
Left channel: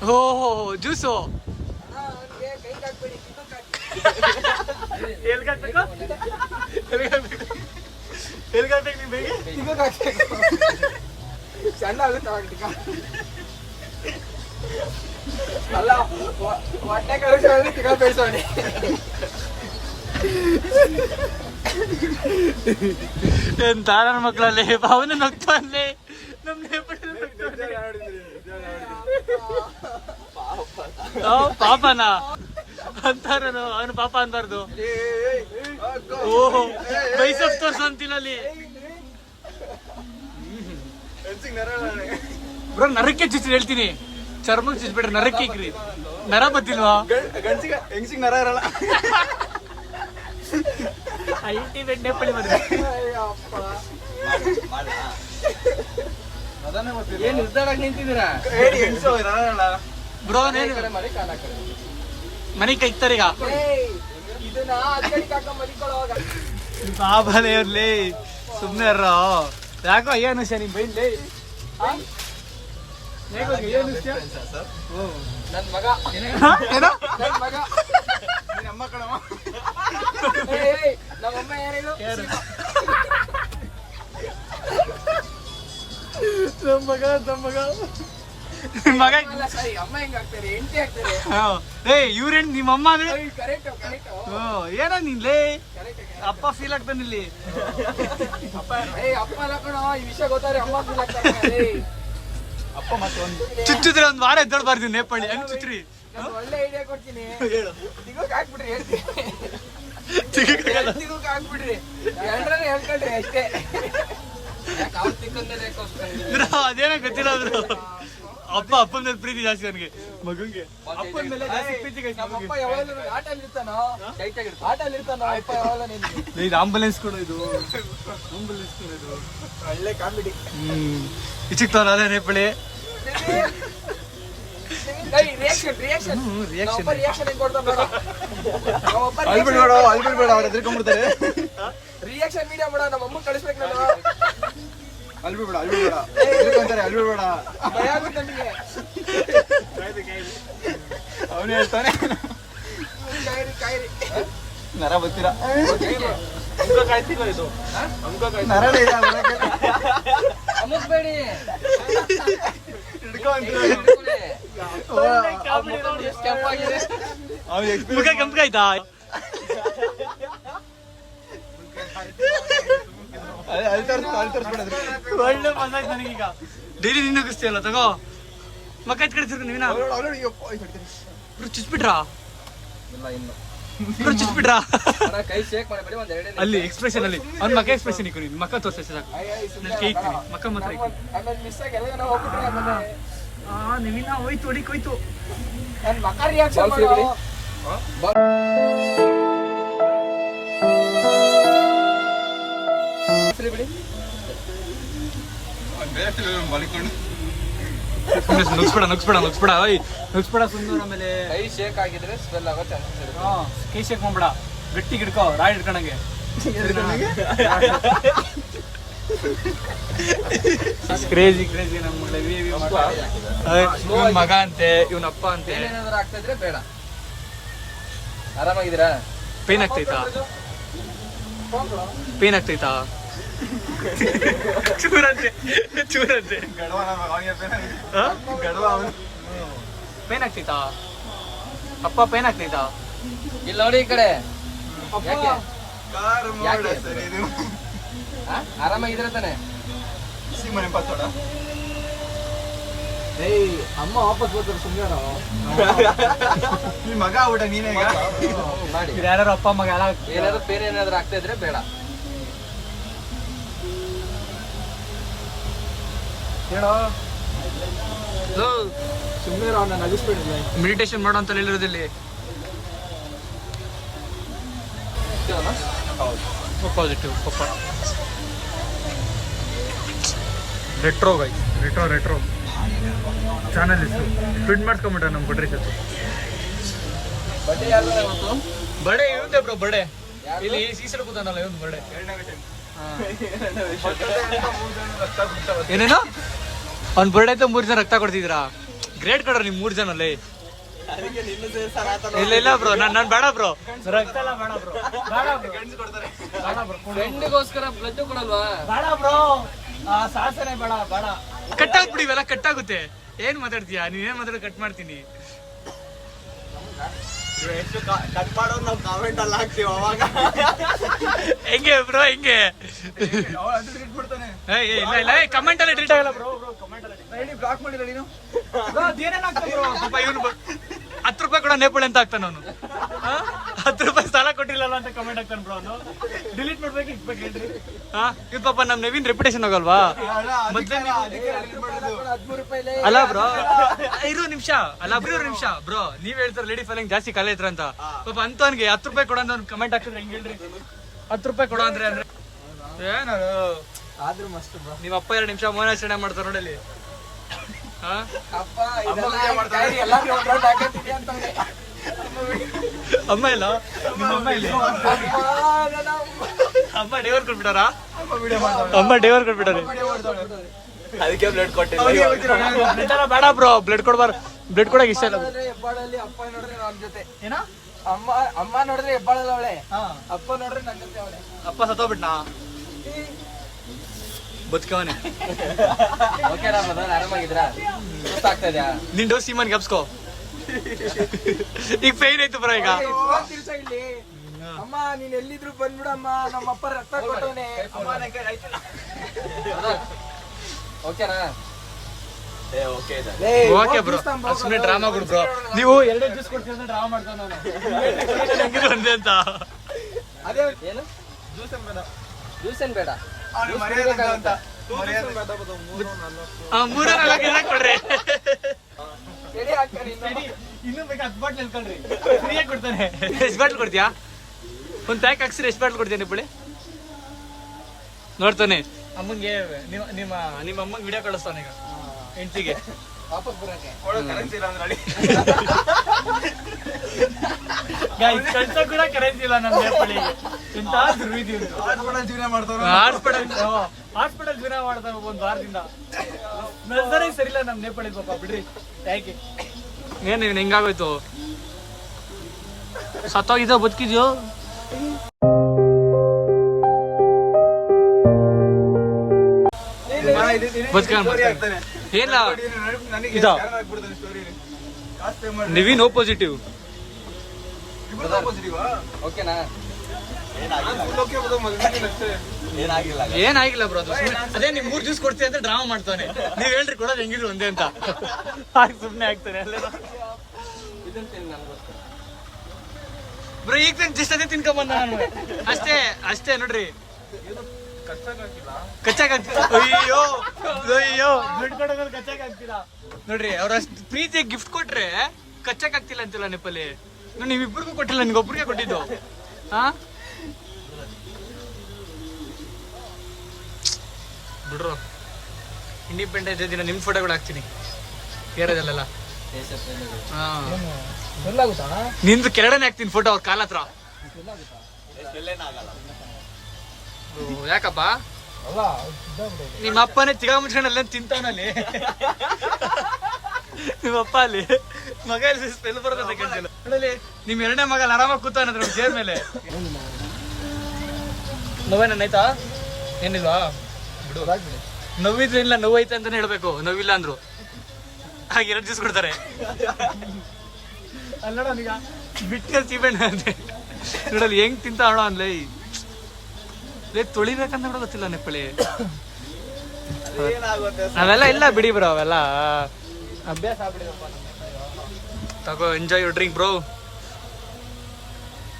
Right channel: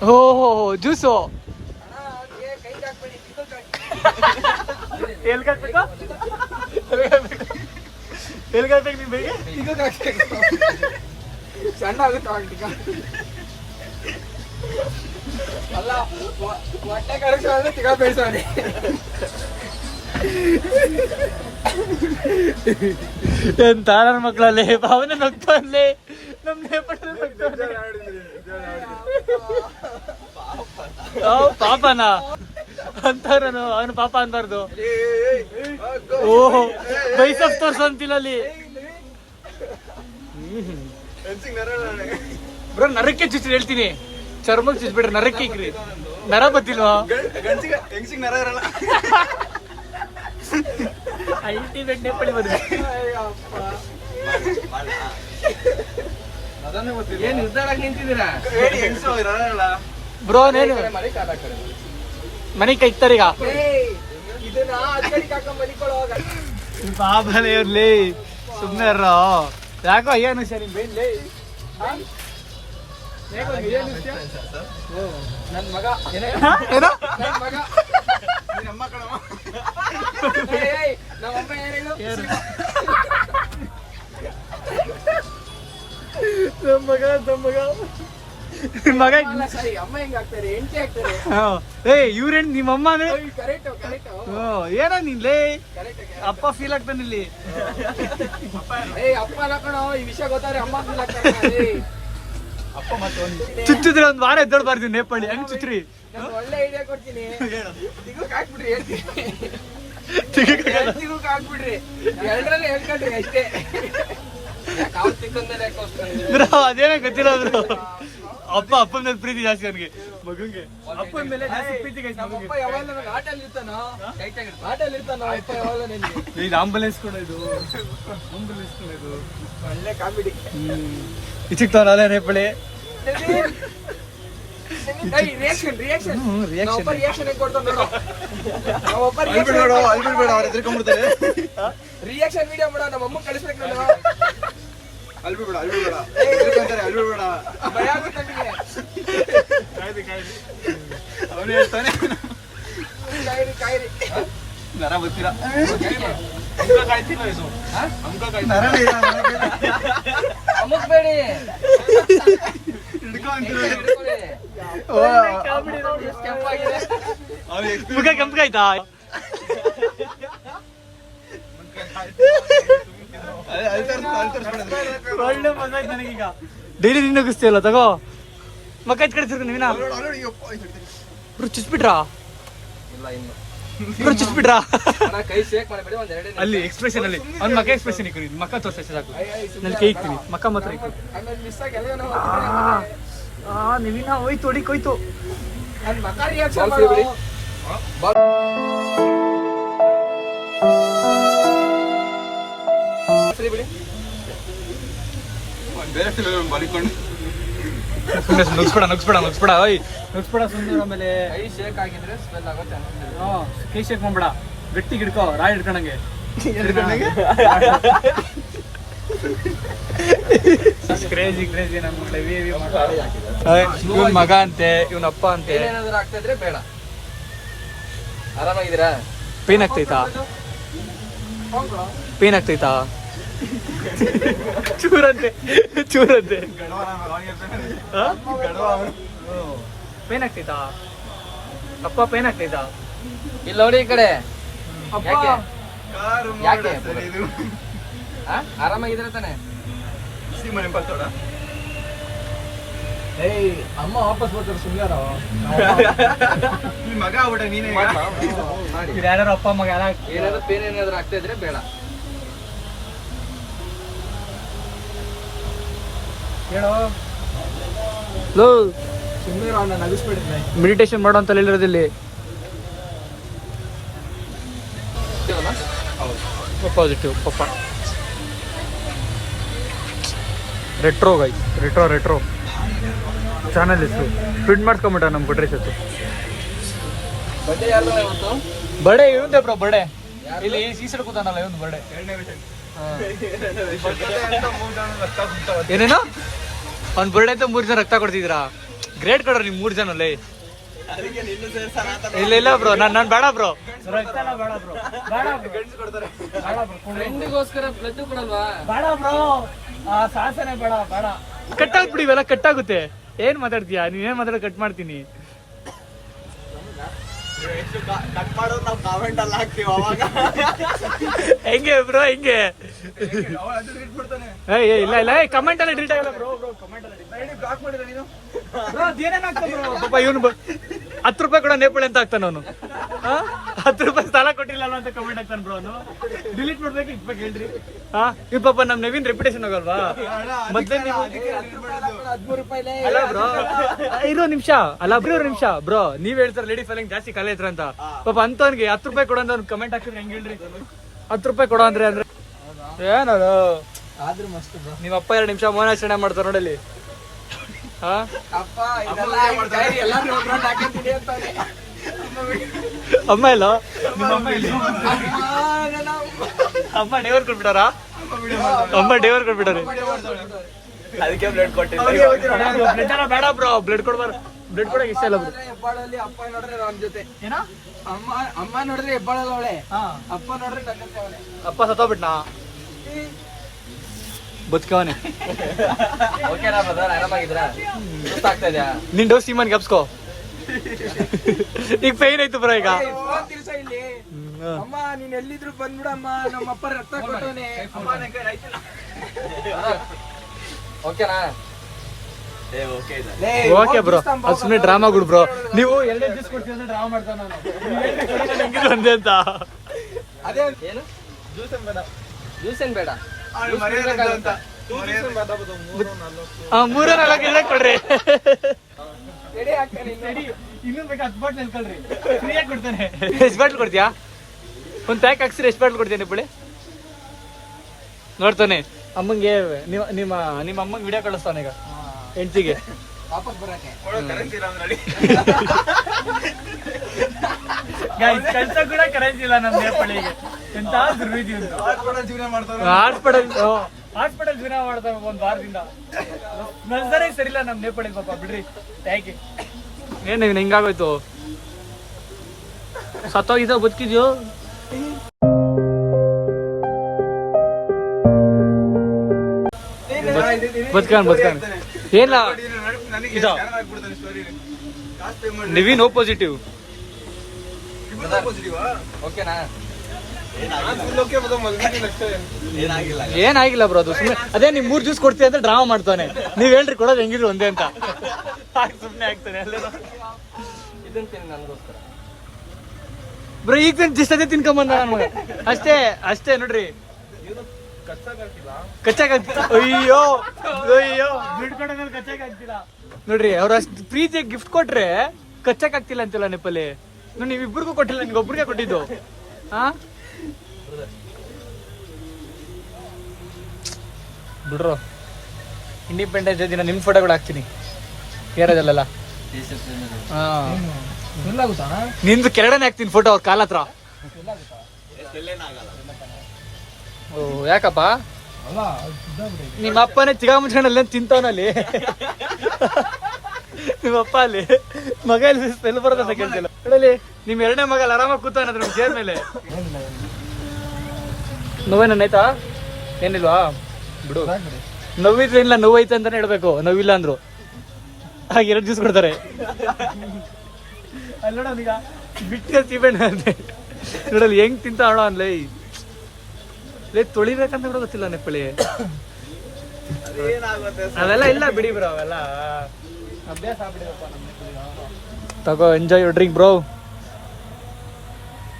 ಹೋ ಜ್ಯೂಸು ಎಲ್ಗಾಕ್ಬೇಕು ನೀನ್ ಬೇಗ ಸಣ್ಣ ಅಲ್ಲ ಹೊಟ್ಟೆ ಕಳಿಸೋದ್ರೆ ತಿಗ ಬೇಯಿಸೋನೆ. ಎಂತ ನನ್ನ ಮಕ್ಕಳಲ್ಲಿ ಭಾವನೆ ನಗ್ತಲ್ಲೇ ನಮ್ ನೇಪಾಳದಲ್ಲಿ ಪಾಪನ ಅಂತಾರನು, ಅವನು ಪಾಪ ಅನ್ಬಾರ್ದು. ಓಹೋ ಬೈಸಪ್ ತೋರ್ಸು ಅಂತಿಲ್ಲ ಅಲ್ಲಿ. ಬ್ರೋ ನರಕ್ಕೆ ಚುಚ್ಚಿ ಹೇಳ್ತೀನಿ, ಚರ್ಮಕ್ಕೆ ಚುಚ್ಬಿಟ್ರೆ ನರಕ್ಕೆ ಇಕ್ರಿ. ನರ ಬತ್ತಿಲ್ವಾ? ನರ ಇರಲ್ಲ. ಅಲ್ಟಿಮೇಟ್ ನೇಪಾಳಿ ಬರುತ್ತೆ. ಏನ್ ನಿರ್ಧಾರಕ್ಕೆ ನಿಂತಿದ್ದೀರಾ ಬ್ರೋ? ನೇನು ಮರಿ ಕಾಲ ಹಾಕೋದು ಮನೆ ಕೈತಾರೆ ಈಗ. ಇದನ್ನ ಅಕ್ಕಡಿಗೆ ಹಾಕೊಂಡ್ ಮಲಿಕೊಳ್ಳೋ ಬಾಬಾನೇ ಇರ್ಲಿ, ಸುಮ್ನೆ ಇರೋ. ಯಾಕೋ ಏನು ವಿಷಯ ನಿಮ್ ಬೈನ್ಲಿ? ನನ್ ಮಗ ಏನೋ ನನ್ ಮಗ ನಮ್ಮ ಕಣವ ನಮ್ಮಮ್ಮ ಯಾರು ಹೇಳು? ನಮ್ಮ ಮಗ ಸರಿ, ಅಮ್ಮ ಹೆಂಗ್ ಆಗ್ತಾರೆ, ಹೆಂಡತಿ ಆಗ್ತಾರೆ. ಇವ್ರೇನ್ ನಿಮ್ಮಮ್ಮ ಅಂದ್ರೆ? ಕರೆಕ್ಟ್ ಕರೆಕ್ಟ್ ಏನೋ ನಿನ್ಲೇ ಕರೆಕ್ಟ್. ಅಪ್ಪ ಫೀಲ್ ಆಗ್ತಾನೆ ಇಲ್ಲಿ. ಅಪ್ಪ ಅಲ್ಲ ಕಣೋ, ಈ ವಿಷಯ ಗೊತ್ತಾದ್ರೆ ಅಮ್ಮ ಫೀಲ್ ಆಗ್ತಾರೆ. ಚುಚ್ಚಿದ್ರೆ ಒಂದ್ ವಾರ ಎದ್ದೊಳ್ಬಾರ್ದು ನೇಪಾಳಿ. ಹೆಂಗ್ ಚುಚ್ಚ್ರಿ? ನಾನು ಒಳ್ಳೆ ಐಡಿಯಾ ಕೊಡ್ತೀನಿ. ತಿಗುಕ್ ಹಾಕ್ಬಿಡ್ರಿ, ತಿಗುಕ್ ಹಾಕ್ಬಿಡ್ರಿ, ಎರಡರಲ್ಲೇ ಹೇಳ್ಕೊಂಡ್ರಿ ಅಷ್ಟೇ. ಅದೇನೋ ಗೊತ್ತಿಲ್ಲ ಬ್ರೋ. ಅಪ್ಪನ ಮೇಲೆ ಪ್ರೀತಿ ಜಾಸ್ತಿ ಅವನಿಗೆ, ಮಗಂಗೆ ಅಪ್ಪನ ಮೇಲೆ ಜಾಸ್ತಿ ಪ್ರೀತಿ. ನಮ್ಮಪ್ಪ ಯಾವಾಗಲೂ ಆಟಲ್ಲಿ ಇರ್ತಾನೋ, ಆಟಲ್ಲಿ ಇರ್ತಾನೋ ಅಪ್ಪ ಯಾವಾಗಲೂ ನಿನ್ಗೆ. ಇದು ಆಂಬುಲೆನ್ಸ್ ಕೂಡ, ಇದು ಆಂಬುಲೆನ್ಸ್ ಕೂಡ, ಇದು ಒಳ್ಳೆ ಕಾಮಿಡಿ. ಇಚ್ಚಿಕ್ತಾವಲ್ಲ ಅದೇ Nepali. Reaction reaction reaction video ಮಾಡೋ ನಮ್ಮ ಅಮ್ಮ ಕಳಿಸ್ಬೇಕು. ನಾನು ಅಲ್ಬಿಡ್ಬೇಡ ಅವನು ಹೇಳ್ತಾನೆ ಕಾಯಿರಿ ನರ ಗೊತ್ತಿಲ್ಲ. ಅಮ್ಮಕ್ಬೇಡಿ, ಕೆಂಪಾಗಿದೆ ಮುಖ ಕೆಂಪಾಯ್ತಾ? ಒಳ್ಳೆ ಮಜಾಕ್ ನನಗೀಗ. ಡೈಲಿ ನಿನ್ನ ನಗಿಸ್ತೀಯಲ್ಲ, ತಗೋ ಮಕ್ಕ ಕಳಿಸಿರ್ಕ ನೀವಿನ. ಬ್ರೋ ಚುಚ್ಬಿಟ್ರಾ? ಇಲ್ಲ ಇನ್ನು ಬ್ರೋ ಚುಚ್ಬಿಟ್ರಾ? ಕೈ ಶೇಕ್ ಮಾಡಬೇಡಿ, ಒಂದ್ ಎರಡೇ ಅಲ್ಲಿ ಎಕ್ಸ್ಪ್ರೆಷನ್ ಅಲ್ಲಿ ಅವ್ನ ಮಕ್ಕ ಎಕ್ಸ್ಪ್ರೆಷನ್ ಇಕ್ಕು. ನೀನು ಮಕ್ಕ ತೋರ್ಸ ಸಾಕು, ನಾನು ಕೈ ಇಕ್ತೀನಿ. ಮಕ್ಕ ಮಾತ್ರ ಇಕ್ಕು. ಮಿಸ್ ಆಗಿ ಎಲ್ಲ ಹೋಗ್ಬಿಟ್ರೆ ನೀವಿನ ಹೋಯ್ತು, ಹೊಡಿಕ್ ಹೋಯ್ತು. ನನ್ನ ಮಕ್ಕ ರಿಯಾಕ್ಷನ್ ಮಾಡಿ ನುಗ್ಸ್ಬೇಡ ಓಯ್ ನುಗ್ಸ್ಬೇಡ ಸುಮ್ಮನೆ. ಆಮೇಲೆ ಕೈ ಶೇಕ್ ಆಗಿದ್ರೆ ಸ್ಮೆಲ್ ಆಗೋ ಚಾನ್ಸಸ್ ಕೈ ಶೇಕ್ ಮಾಡ್ಬೇಡ, ಗಟ್ಟಿ ಹಿಡ್ಕೋ ರಾಯ್ ಹಿಡ್ಕೊಂಡಂಗೆ. ಕ್ರೇಜಿ ನನ್ ಮಗಳ ಇವನ್ ಮಗ ಅಂತೆ, ಇವನ್ ಅಪ್ಪ ಅಂತೆ. ಏನಾದ್ರು ಆಗ್ತಾ ಇದ್ರೆ ಬೇಡ. ಆರಾಮಾಗಿದ್ದೀರಾ? ಪೇನ್ ಆಗ್ತೈತಾ? ಚೂರಂತೆ ಪೇನ್ ಆಗ್ತೈತಾ? ಅಪ್ಪ ಪೇನ್ ಆಗ್ತೈತಾ? ಇಲ್ಲಿ ನೋಡಿ ಈ ಕಡೆ. ಯಾಕೆ ಆರಾಮಾಗಿದ್ದೀರಾ ತಾನೆ? ಏಯ್ ಅಮ್ಮ ವಾಪಸ್ ಬರ್ತಾರೆ ಸುಮ್ಮನೆ. ಈ ಮಗ ಆಗ್ಬಿಟ್ಟ ನೀನೇ. ಮಾಡಿ. ಯಾರು ಅಪ್ಪ ಮಗ ಏನಾದ್ರು ಪೇನ್ ಏನಾದ್ರು ಆಗ್ತಾ ಇದ್ರೆ ಬೇಡ. ಹೇಳೋ ಸುಮ್ಮನೆ ಅವ್ನ ನಗಿಸ್ಬಿಡಿದ್ನ. ಮೆಡಿಟೇಷನ್ ಮಾಡೋ ಅಂತ ಹೇಳಿರೋದಿಲ್ಲಿ. ಪಾಸಿಟಿವ್ ಪಪ್ಪ ರೆಟ್ರೋ ಗೈ ರೆಟ್ರೋ ಚಾನಲ್ ಇತ್ತು ಪ್ರಿಂಟ್ ಮಾಡ್ಕೊಂಬಿಟ್ಟ ನಮ್ ಕೊಟ್ರಿ ಸತ್ತು. ಬಡ್ಡಿ ಯಾರ್ದು ಇವತ್ತು? ಬರ್ಡೇ ಇವಂದೆ ಬ್ರೋ, ಬರ್ಡೇ ಇಲ್ಲಿ ಸೀಸಡ್ ಕೂತಾನಲ್ಲ ಇವಂದು ಬರ್ಡೇ. ಏನೇನೋ ಅವ್ನ್ ಬರ್ಡೇ ಅಂತ 3 ಜನ ರಕ್ತ ಕೊಡ್ತಿದ್ದೀರಾ? ಗ್ರೇಟ್ ಕೊಡ್ರ ನಿಮ್ 3 ಜನ ಅಲ್ಲೇ. ಇಲ್ಲ ಬ್ರೋ, ನಾನ್ ಬೇಡ ಬ್ರೋ, ರಕ್ತ ಎಲ್ಲ ಬೇಡ ಬ್ರೋ, ಫ್ರೆಂಡ್ಗೋಸ್ಕರ ಬ್ಲಡ್ ಕೊಡಲ್ವಾ? ಬೇಡ ಬ್ರೋ, ಸಾಹಸನೆ ಬೇಡ. ಕಟ್ಟಾಗ್ಬಿಡಿ ಇವೆಲ್ಲ, ಕಟ್ಟಾಗುತ್ತೆ. ಏನ್ ಮಾತಾಡ್ತೀಯಾ ನೀವೇನ್ ಮಾತಾಡ? ಕಟ್ ಮಾಡ್ತೀನಿ. ಹೆಂಗೆ ಬ್ರೋ ಹೆಂಗೆ? ಇಲ್ಲ ಕಮೆಂಟ್ ಎಲ್ಲ ಡಿಲೀಟ್ ಆಗಲ್ಲ ಬ್ರೋ. ಬ್ಲಾಕ್ ಮಾಡಿಲ್ಲ ನೀನು? ಪಾಪ ಇವನು 10 ರೂಪಾಯಿ ಕೂಡ ನೇಪಾಳಿ ಅಂತ ಆಗ್ತಾನ ಅವನು. 10 ರೂಪಾಯಿ ಸಾಲ ಕೊಟ್ಟಿಲ್ಲ ಅಂತ ಕಮೆಂಟ್ ಆಗ್ತಾನ ಬ್ರೋ ಅವನು. ಡಿಲೀಟ್ ಮಾಡ್ಬೇಕು ಇಕ್ಬೇಕು ಹೇಳ್ರಿ. ಇವ್ ಪಾಪ ನಮ್ ನವೀನ್ ರೆಪ್ಯುಟೇಷನ್ ಹೋಗಲ್ವಾ? ಮೊದ್ಲೇ ನೀವು ಅಲ್ಲ ಬ್ರೋ, ಇರೋ ನಿಮಿಷ ಬ್ರೋ, ನೀವ್ ಹೇಳ್ತಾರೆ ಲೇಡಿ ಫೈಲಿಂಗ್ ಜಾಸ್ತಿ ಕಲೆ ಹತ್ರ ಅಂತ. ಪಾಪ ಅಂತವನ್ಗೆ 10 ರೂಪಾಯಿ ಕೊಡೋ ಅಂತ ಕಮೆಂಟ್ ಹಾಕಿದ್ರೆ ಹೆಂಗ್ ಹೇಳ್ರಿ? 10 ರೂಪಾಯಿ ಕೊಡೋ ಅಂದ್ರೆ ಏನದು? ಆದ್ರೂ ಮಸ್ತ್ ಬ್ರೋ. ನಿಮ್ ಅಪ್ಪ 2 ನಿಮಿಷ ಮೌನಾಚರಣೆ ಮಾಡ್ತಾರ ನೋಡಲ್ಲಿ. ಅಮ್ಮ ಇಲ್ಲ, ನಿಮ್ಮ ಅಮ್ಮ ಇಲ್ಲಿ. ಅಮ್ಮ ಡೇವರ್ ಕೊಟ್ಬಿಟ್ಟಾರ? ಅಮ್ಮ ಡೇವರ್ ಕೊಟ್ಬಿಟ್ಟಾರೆ. ಅದಕ್ಕೆ ಬ್ಲಡ್ ಕೊಟ್ಟಿಲ್ಲ. ಬ್ಲಡ್ ಎಲ್ಲ ಬೇಡ ಬ್ರೋ, ಬ್ಲಡ್ ಕೊಡ್ಬಾರ. ಬ್ಲಡ್ ಕೊಡಕ್ ಇಷ್ಟ ಇಲ್ಲ. ಅಪ್ಪ ನೋಡಿದ್ರೆ ಅವನ ಜೊತೆ ಏನೋ ಅಮ್ಮ ನೋಡಿದ್ರೆ ಹೆಬ್ಬಾಳಲ್ಲ ಅವಳೆ. ಅಪ್ಪ ನೋಡಿದ್ರೆ ನನ್ನಂತೆ ಅವಳೆ. ಅಪ್ಪ ಸತ್ತೋಗ್ಬಿಟ್ನಾ? ಬದುಕವನೆ. ಓಕೆನಾ ಬ್ರದರ್? ಆರಾಮಾಗಿದ್ದೀರಾ? ಆಗ್ತಾ ಇದೆಯಾ? ನಿನ್ ಡೋಸ್ ಸೀಮನ್ ಗಪ್ಸ್ಕೋ. ಈಗ ಪೈನ್ ಆಯ್ತು ಬ್ರೋ ಈಗ. ಅಮ್ಮ ನೀನ್ ಎಲ್ಲಿದ್ರು ಬಂದ್ಬಿಡಮ್ಮ, ನಮ್ಮಪ್ಪ ರಕ್ತ ಕೊಟ್ಟವನೆ. ಓಕೆನಾ? ಓಕೆ ಬ್ರೋ, ಅದು ಸುಮ್ಮನೆ ಡ್ರಾಮಾಗಳು ಬ್ರೋ. ನೀವು 2 ಜ್ಯೂಸ್ ಕೊಡ್ತೀವಿ ಡ್ರಾಮಾ ಮಾಡ್ತಾನ ಅವನು. ಒಂದೇ ಅಂತ ಏನು ಜ್ಯೂಸ್ ಏನ್ ಬೇಡ. 3-4 ಕೊಡ್ರಿ. ಇನ್ನೂ ಬೇಕಾ? 10 ಬಾಟ್ಲ್ ಅನ್ಕೊಳ್ರಿ, ಫ್ರೀಯಾಗಿ ಕೊಡ್ತಾನೆ. ಎಷ್ಟು ಬಾಟ್ಲ್ ಕೊಡ್ತೀಯಾ? ಒಂದ್ ಪ್ಯಾಕ್ ಹಾಕ್ಸ್ರಿ. ಎಷ್ಟು ಬಾಟ್ಲ್ ಕೊಡ್ತೀನಿ ಬಿಡಿ? ನೋಡ್ತಾನೆ ಅಮ್ಮಂಗೆ. ನಿಮ್ಮ ಅಮ್ಮಂಗೆ ವಿಡಿಯೋ ಕಳಿಸ್ತಾನೆ ಈಗ ಹೆಂಡತಿಗೆ. ಕಳ್ಸ ಕೂಡ ಕರೆನ್ಸಿ ಇಲ್ಲ ನಮ್ ನೇಪಾಳಿಗೆ. ಎಂತ ದುರ್ವಿಧಿ ಉಂಟು. ಹಾಸ್ಪಿಟಲ್ ಜೀವನ ಮಾಡ್ತಾವ 1 ವಾರದಿಂದ. ನಲ್ಸರೇ ಸರಿಲ್ಲ ನಮ್ ನೇಪಾಳಿ ಪಾಪ. ಬಿಡ್ರಿ ಯಾಕೆ? ಏನ್ ಹಿಂಗಾಗೋಯ್ತು? ಸತ್ತೋಗಿದ್ದ ಬದುಕಿದ್ಯೋ? ಬದುಕಾನ್ ಏನ ಇದ ನಿವಿನ್ ಓ ಪಾಸಿಟಿವ್. ಓಕೆನಾ? ಏನಾಗಿಲ್ಲ ಬ್ರೋ, ಅದು ಸುಮ್ಮನೆ ಅದೇ ನೀವ್ 3 ಜ್ಯೂಸ್ ಕೊಡ್ತೀವಿ ಅಂತ ಡ್ರಾಮಾ ಮಾಡ್ತಾನೆ. ನೀವ್ ಹೇಳ್ರಿ ಕೊಡೋದು ಹೆಂಗಿದ್ರು ಒಂದೇ ಅಂತ. ಸುಮ್ನೆ ಆಗ್ತಾನೆ ಇದನ್ನ ತಿನ್ ನನಗೋಸ್ಕರ ಬ್ರೋ. ಈಗ ದಿವಸ ತಿನ್ಕೊಂಬಂದ ಅಷ್ಟೇ ನೋಡ್ರಿ. ಕಚ್ಚಾಗ್ತಿಲ್ಲ. ಅಯ್ಯೋ ದುಡ್ಡು ಕೊಡೋದ್ರಲ್ಲಿ ಕಚ್ಚಾಗ್ತಿಲ್ಲ ನೋಡ್ರಿ. ಅವ್ರ ಅಷ್ಟು ಪ್ರೀತಿ ಗಿಫ್ಟ್ ಕೊಟ್ರೆ ಕಚ್ಚಕ್ ಆಗ್ತಿಲ್ಲ ಅಂತಿಲ್ಲ ನೆಪಲ್ಲಿ. ನೀವಿಬ್ಬರಿಗೂ ಕೊಟ್ಟಿಲ್ಲ, ನಿನ್ಗೊಬ್ರಿಗೆ ಕೊಟ್ಟಿದ್ದು. ಬಿಡ್ರೋ ಇಂಡಿಪೆಂಡೆನ್ಸ್ ಡೇ ದಿನ ನಿಮ್ಮ ಫೋಟೋಗಳು ಹಾಕ್ತೀನಿ ಏರೋದಲ್ಲೆಲ್ಲ. ಫುಲ್ ಆಗುತ್ತಾ? ನಿಂದು ಕೆಳಗಡೆ ಹಾಕ್ತೀನಿ ಫೋಟೋ ಅವ್ರ ಕಾಲ ಹತ್ರ. ಓ ಯಾಕಪ್ಪ ಅಲ್ಲ ನಿಮ್ಮ ಅಪ್ಪನೇ ಚಿಗ ಮುಚ್ಕೊಂಡು ಅಲ್ಲೇನು ತಿಂತವನಲ್ಲಿ. ನಿಮ್ಮಪ್ಪ ಅಲ್ಲಿ ಮಗ ಇಲ್ಲಿ ಸ್ಮೆಲ್ ಬರೋದಂತ ಕೇಳ್ತಿಲ್ಲ. ನಿಮ್ ಎರಡನೇ ಮಗ ಅಲ್ಲಿ ಆರಾಮಾಗಿ ಕೂತಾನದ್ರ ಚೇರ್ ಮೇಲೆ. ನೋವೇನಾಯ್ತಾ? ಏನಿಲ್ವಾ ಬಿಡು. ನೋವಿದ್ರೆ ಇಲ್ಲ ನೋವೈತೆ ಅಂತಾನೆ ಹೇಳ್ಬೇಕು, ನೋವಿಲ್ಲ ಅಂದ್ರು ಹಾಗ 2 ದಿವ್ಸ ಕೊಡ್ತಾರೆ. ಅಲ್ಲಿ ನೋಡೋನೀಗ ಬಿಟ್ಟೆ ಸೀಬೆಣ್ಣ ಅಂತೆ ನೋಡಲ್ಲಿ ಹೆಂಗ್ ತಿಂತ ಅಣ್ಣ ಅನ್ಲೈ ತೊಳಿಬೇಕಂತ ಕೂಡ ಗೊತ್ತಿಲ್ಲ ನೆಪ್ಪಳಿ. ಅವೆಲ್ಲ ಇಲ್ಲ ಬಿಡಿ ಬ್ರೋ, ಅವೆಲ್ಲ ಅಭ್ಯಾಸ ಆಗ್ಬಿಡಿದಪ್ಪ. ತಗೋ ಎಂಜಾಯ್ ಯುವರ್ ಡ್ರಿಂಕ್ ಬ್ರೋ.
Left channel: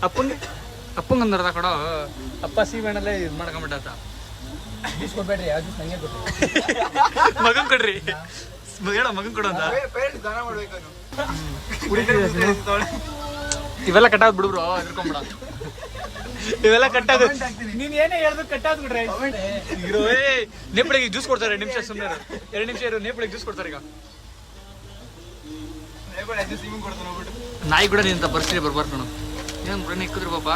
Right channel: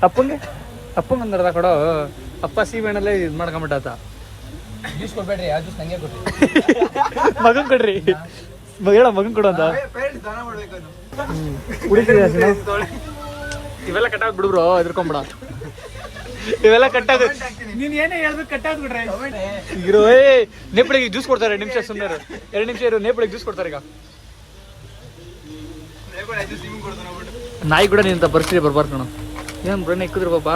ಅಪ್ಪಂಗೆ ಒಂದು ಅರ್ಧ ಕೊಡೋ. ಅಪ್ಪ ಸೀಮೆಣ್ಣಲ್ಲೇ ಇದು ಮಾಡ್ಕೊಂಬಿಟ್ಟ. ಕೊಡ್ಬೇಡ್ರಿ, ಯಾವ ಜ್ಯೂಸ್ ನಂಗೆ ಕೊಡ್ರಿ. ಮಗನ್ ಕೊಡ್ರಿ, ಹೇಳ ಮಗನ್ ಕೊಡು ಅಂತ. ಇವೆಲ್ಲ ಕಟ್ಟಾದ್ ಬಿಡು ಬ್ರೋ, ಎದ್ಕೊಂಬಿಡ. ಇವೆಲ್ಲ ಕಟ್ಟಾದ ನೀನ್ ಏನೇ ಹೇಳ್ಬೇಕು ಕಟ್ಟಾದ್ ಬಿಡ್ರೆ. ನೇಪಳಿಗೆ ಜ್ಯೂಸ್ ಕೊಡ್ತಾರೆ. ನಿಮಿಷ ಸುಮ್ಮನೆ 2 ನಿಮಿಷ ಇರು. ನೇಪಳಿಗೆ ಜ್ಯೂಸ್ ಕೊಡ್ತಾರೆ ಈಗ. ನಾಯಿ ಕೂಡ ನಿಂತ ಪರಿಸ್ಥಿತಿ ಬರ್ಬಾರ್ದು ಕಣ. ಏನ್ ಬ್ರೋ ಇಕ್ಕಿದ್ರು ಪಾಪ.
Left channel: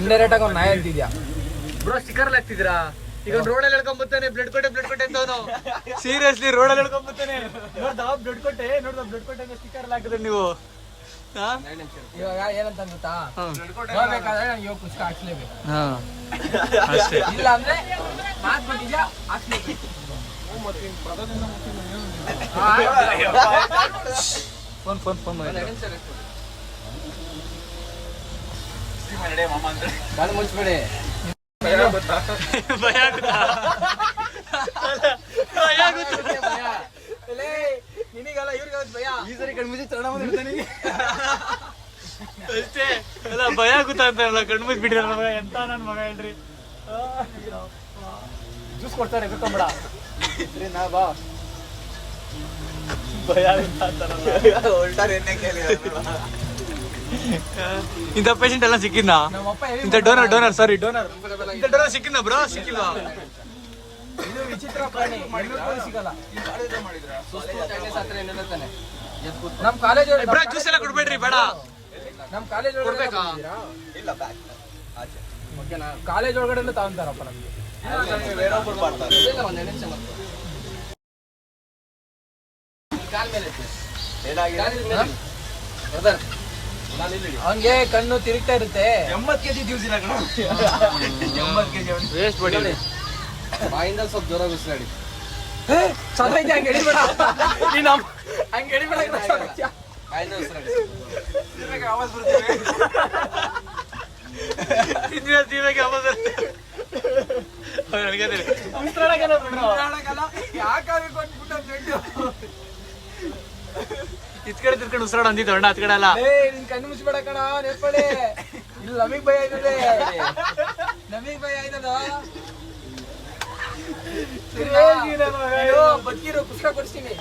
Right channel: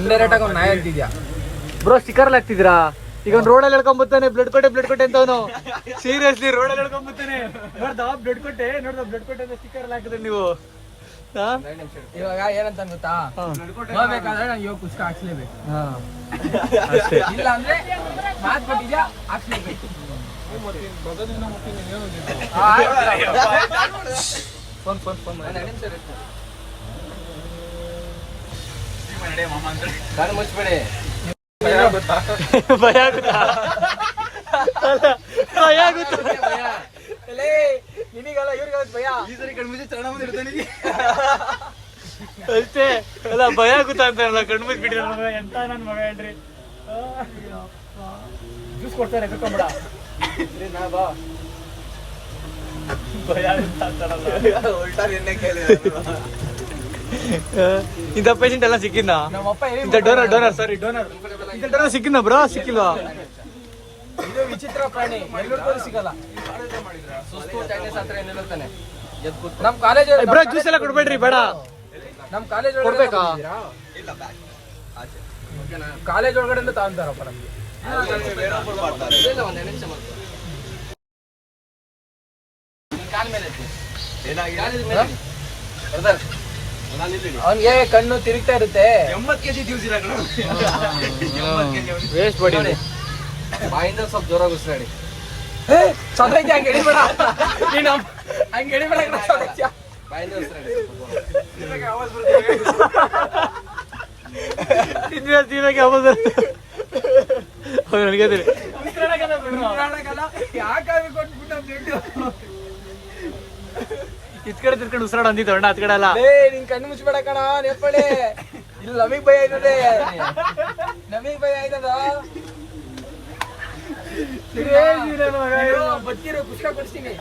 ಇಂಡೈರೆಕ್ಟ್ ಆಗಿ ನಾಯಿ ಅಂತಿದ್ಯಾ ಬ್ರೋ? ಸ್ಟಿಕ್ಕರ್ ಎಲ್ಲ ಹಾಕ್ತಿದ್ದೀರಾ? ಈಗ ಒಂದು ರೋಡಲ್ಲಿ ಹೇಳ್ಕೊಂಬತ್ತಾನೆ ಬ್ಲಡ್ ಕೊಟ್ಟೆ ಅಂತ ಅವನು. ಸೀರಿಯಸ್ಲಿ ರೋಡಲ್ಲಿ ಹೇಳ್ಕೊಂಬತ್ತಾನೆ. ನೋಡ್ದ ಬ್ಲಡ್ ಕೊಟ್ಟೆ ಅಂತ ಸ್ಟಿಕ್ಕರ್ ಎಲ್ಲ ಹಾಕಿದ್ರೆ ನೀವು. ಇವಾಗ ಏನಂತ ಗೊತ್ತಾ, ಹೋಗ್ಬೇಕಾದ್ರೆ ನಾನು ಇವಾಗ ಪುಸ್ತಕ ಹಾಕ್ಸ್ಲೇಬೇಕು. ಅಷ್ಟೇ. ಇಲ್ಲ ಅಂದ್ರೆ ಮಾತು ಕೊಟ್ಟಿದ್ಯಾ ಹಾಕ್ಸ್ಲೇಬೇಕು. ಫೋನ್ ಮುಚ್ಬೇಡಿ. ಭಯ ಆಗುತ್ತಾ? ನಿಮಗಲ್ಲ ಇವ್ರಿಗಲ್ಲ ಭಯ. ಈ ಸರಿ ಕಣ್ಮಿಸಿ ತಗೊಂಡ ಬಂದಿರ್ತಾನೆ ಅಷ್ಟೇ ಅಲ್ಲ, ಭಯ ಆಗುತ್ತಾ ಅಂತ ಕಣ್ಮುಚ್ ಬಿಡ್ರಿ. ಎಂತ ನನ್ ಮಗ ಹೇಳ್ರಿ. ಜ್ಯೂಸ್ ಕೊಡ್ತಾರೆ, ಎದ್ಕೊಂಬೇಡ. ನಾ ಬಾ. ಭಯ ಆಗುತ್ತಾ ಅಂತಾರಲ್ಲ. ಇಂಥ ಪೇಷಂಟ್ ಎಲ್ಲ ಸಿಕ್ಕಿದ್ನಾ? ಇಂಥ ಡೋನರ್ ಸಾರಿ ಡೋನರ್ ಇಂಥ ಡೋನರ್ ಸಿಕ್ಕಿದ್ನಾ ಬ್ರೋ? ಸಿಕ್ಕಿಲ್ವಾ? ವಿಚಿತ್ರ ಪ್ರಾಣಿ, ಸಿಗಲ್ಲ. ನಮ್ ಕಾಲೇಜ್ ಬ್ರೋ ಜ್ಯೂಸ್ ಎಲ್ಲ ಕೊಡ್ಬೇಡ್ರಿ, ಬೇಡ. ನಮ್ ಕಾಲೇಜ್ ಕೊಡ್ಬೇಕಾ? ಕಾಲೇಜ್ ಒಳಗಡೆ ತಗೊಂತಾರಪ್ಪ ನಮ್ಗೆ. ಅವನ್ಗೆ ಕಣ್ಣು ತಿರುಗ್ತಾ ಇರುತ್ತೆ. 80 kg ಜ್ಯೂಸ್ ಇಲ್ಲ ಕಣ. ವೇಸ್ಟ್ ಮಾಡಿ. ಬಾಯಿಂದ ಸ್ವಲ್ಪ ಜೋರಾಗಿ ಉಸಿರಾಡಿ. ಹಂಗೆ ಎಡಿಬೇಡ, ಹಂಗೆ ಎಡಿಬೇಡ. ಬಾಯಿಂದ ಉಸಿರಾಡಿ. ಯಾಕಾಗಿ ಕೊಟ್ಬಿಟ್ಟು ಇತ್ ಕಡೆ ತಿರ್ಕೊಂಡು ಉಸಿರಾಡ ಅಂದಿದ್ದು ಅಣ್ಣ, ಅತ್ ಕಡೆ ಅಲ್ಲ. ನಿನ್ ಕಣ್ಣು ಮುಚ್ಬೇಡ ಕಣ ನೆಪ್ಪಳೆ. ನಮಗ್ ಭಯ ಆಯ್ತದೆ, ನಮಗ್ ಭಯ ಆಯ್ತದ. ಬದುಕಿರೋ ಪುಸ್ತಕ ಕೊಡಿಸ್ತೀನಿ,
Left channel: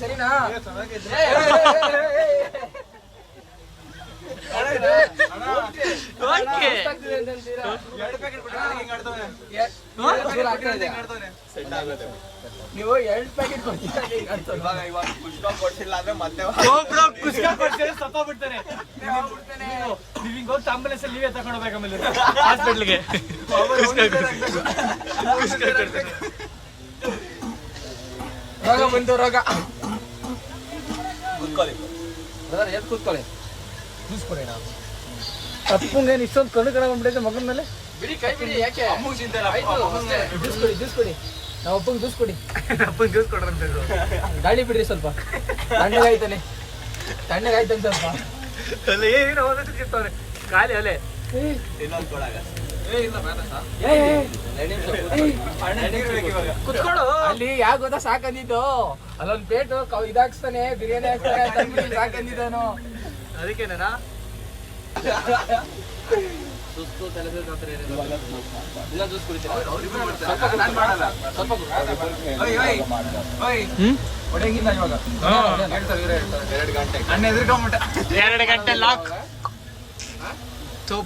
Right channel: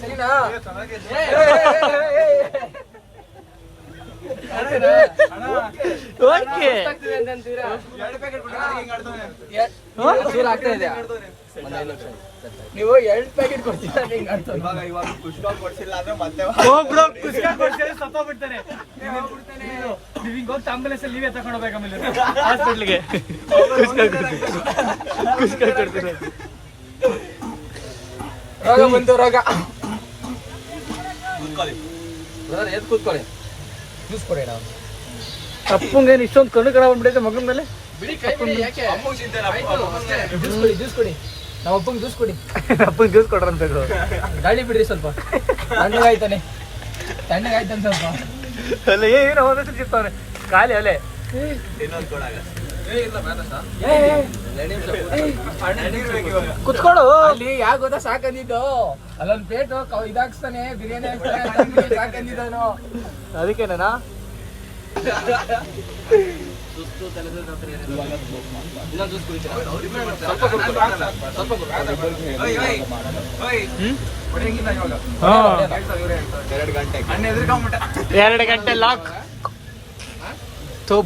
ಸರಿನಾ? ಓಕೆ. ನೀವು 2 ಪ್ಯಾಕೆಟ್ ಕೊಡ್ತೀರ. ಪುಷ್ಪ ಕೊಡ್ಸಿಲ್ಲ ಅಂದ್ರೆ ಮತ್ತೆ ಸತ್ತೋಗ್ಬಿಡ್ತಾನೆ. ನೀವ್ ಹೋಗಿ ಆಂಬುಲೆನ್ಸ್ ಅಲ್ಲಿ ನೀವೇ ತಗೊಂಡ್ ಹೋಗ್ಬೇಕು ಆಮೇಲೆ ಹಾಸ್ಪಿಟ್ಲ್ಗೆ. ಕುಸ್ಕ ಕೊಡ್ತೀನಿ. ಒಂದು ರೋಗ ಕೂತ್ಕೊಳ್ಳಿ. ಅಪ್ಪಂಗೇನು ಇಷ್ಟೊಂದು ಕಣ್ಣು ಕಡ ಬಂದ್ಬಿಟ್ಟೈತೆ ಮಗನ ಮೇಲೆ. ಬಿಡಿ, ಕೈ ಬಿಡಿ. ಯಾಕೆ ಜ್ಯೂಸ್ ಕೊಡಿ. ನಾವು ಅಪ್ಪಂಗೆ ಜ್ಯೂಸ್ ಕೊಡಿ. ಅಪ್ಪಂಗೆ ಜ್ಯೂಸ್ ಕೊಡ್ರ ಅಂತ ಗಾಳಿ ಬಿಡ್ರಿ ಸ್ವಲ್ಪ. ತಣ್ಣಗಾಯ್ತಾನೆ ಸ್ವಲ್ಪ. ಅಲ್ಲ ಏನು ಓದಕ್ಕೆ ಸಿಗ್ತಾವ್ರೆ ಖಾಲಿ ಅಲ್ಲೇ. ಕುತ್ಕೊಡು. ಅಲ್ಲಿ ಯಾಕೆ ಗೊತ್ತಾ ಸಾಕಂದಿದ್ದು, ಅಲ್ಲೊಂದು ಪ್ಲೇಟ್ ಇದಾಕ್ಸ್ತಾನೆ, ಬಿರಿಯಾನಿ ಹಾಕ್ತಾನೆ ಸಾಕಂದಿದ್ದಾನು. ಅದಕ್ಕೇನೇನಾ? ಸುಸ್ತು ತಲೆ ಇನ್ನೊಂದು ಜ್ಯೂಸ್ ಕುಡಿತೀನಿ. ಸ್ವಲ್ಪ 2 ಗಂಟೆ ಲಾಕ್.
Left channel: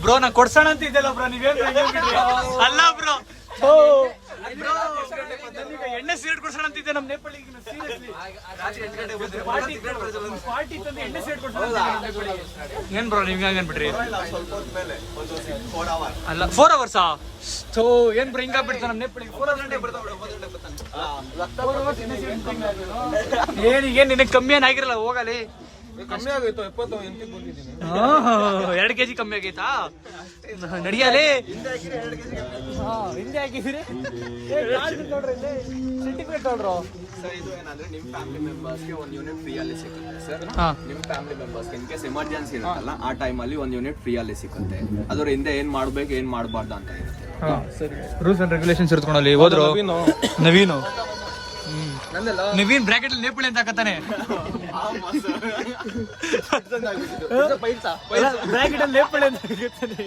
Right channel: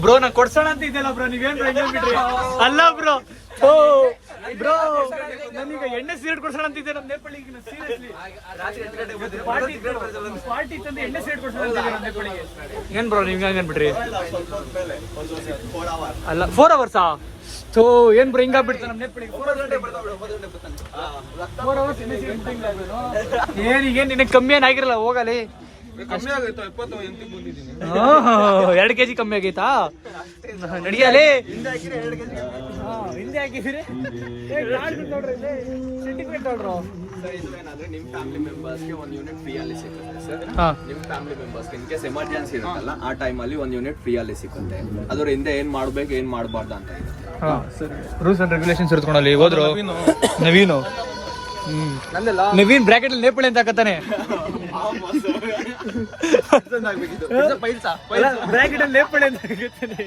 ಬ್ರೋ ನಾ ಕೊಡ್ಸೋಣ ಅಂತ ಇದ್ದಲ್ಲ ಬ್ರೋ, ನೀವೇನ್ ಬಿಡ್ರಿ. ಅಲ್ಲ ಬ್ರೋ ಬ್ರೋ ನಮೀಗ ಎಣ್ಣೆ ಸಿಗರೇಟ್ ಕೊಡ್ಸೋಣ ಅಂತಿದ್ದೆ ನಮ್ಮ ನೇಪಾಳಿಗೆ ಸೀರಿಯಸ್ಲಿ ಪಾರ್ಟಿ ತಂದು ಎಣ್ಣೆ ಸಿಗರೇಟ್ ಕೊಡ್ಸೋಣ ಅಂತಿದ್ದೆ ನಮ್ಮ ನೇಪಾಳಿಗೆ. ಏನ್ ಬ್ರೋ ನಿಮ್ಗೆ ಹಂಗ ಅನ್ಬಿಟ್ರಿ? ಅಲ್ಲ 4 ಅವರ್ಸಾ? ಸೊ ಏನ್ ಬ್ರೋ ಹಿಂಗಾಗ್ಬಿಡ್ತ ನಮ್ಮ ನೇಪಾಳಿಗೆ 4 ಅವರ್ಸ್ ಎಣ್ಣೆ ಸಿಗರೇಟ್ ಏನ್ ನಿನಗೆ ಕಮ್ಮಿ ಏನಾಗಿರಲ್ಲ ಹೋಗಲಿ. ಕಮ್ಮಿ ಆಗೋಯ್ತು 28 ಬಂದಿದ್ದೀನಿ. 2 kg ಕಮ್ಮಿ ಆಗೈತಾ? ನಡಿಯಲೇ ಹಿಂದೆ ಹಾಕಿದ್ರೆ ಸರ್ಟಿಫಿಕೇಟ್ ನೋಡ್ರು. ಸರ್ ಇದು ಏನಂದ್ರೆ ನಿಮ್ಮ ಫ್ಯಾಮಿಲಿ ಮೆಂಬರ್ಸ್ಗೆ 1 ಯೂನಿಟ್ ಫ್ರೀ ಅಲ್ಲಿ ಸಿಗುತ್ತೆ ಸರ್. ಹಾ ನಿಮ್ಮ ಫ್ಯಾಮಿಲಿ ಮೆಂಬರ್ಸ್ಗೆ ಇನ್ ಕೇಸ್ ಎಮರ್ಜೆನ್ಸಿ ಇರುತ್ತಲ್ಲ ಆ ಟೈಮಲ್ಲಿ 1 ಯೂನಿಟ್ ಫ್ರೀ ಅಲ್ಲಿ ಸಿಗುತ್ತೆ. ಅದ್ರ ಹಿಂದೆ ಏನ್ ಮಾಡ್ಬೇಕು ಏನ್ ಮಾಡಬಾರ್ದು ಅಂತ ಇರುತ್ತೆ. ರೂಲ್ಸ್ ಅಂಡ್ ರೆಗ್ಯುಲೇಷನ್ಸ್ ಇರ್ತ್ಕೊಂಡಲ್ಲಿ ಹೋದ್ರು ನವೀನು. ನವೀನ್ ಬ್ರಾಕೆಟ್ ಅಲ್ಲಿ ನೇಪಾಳಿ ಅಂತ ಹಾಕತ್ತಾನೆ. ಬ್ರಾಕೆಟ್ ಅಲ್ಲಿ ನೇಪಾಳಿ ಅಂತ ಹಾಕತ್ತಾನೆ.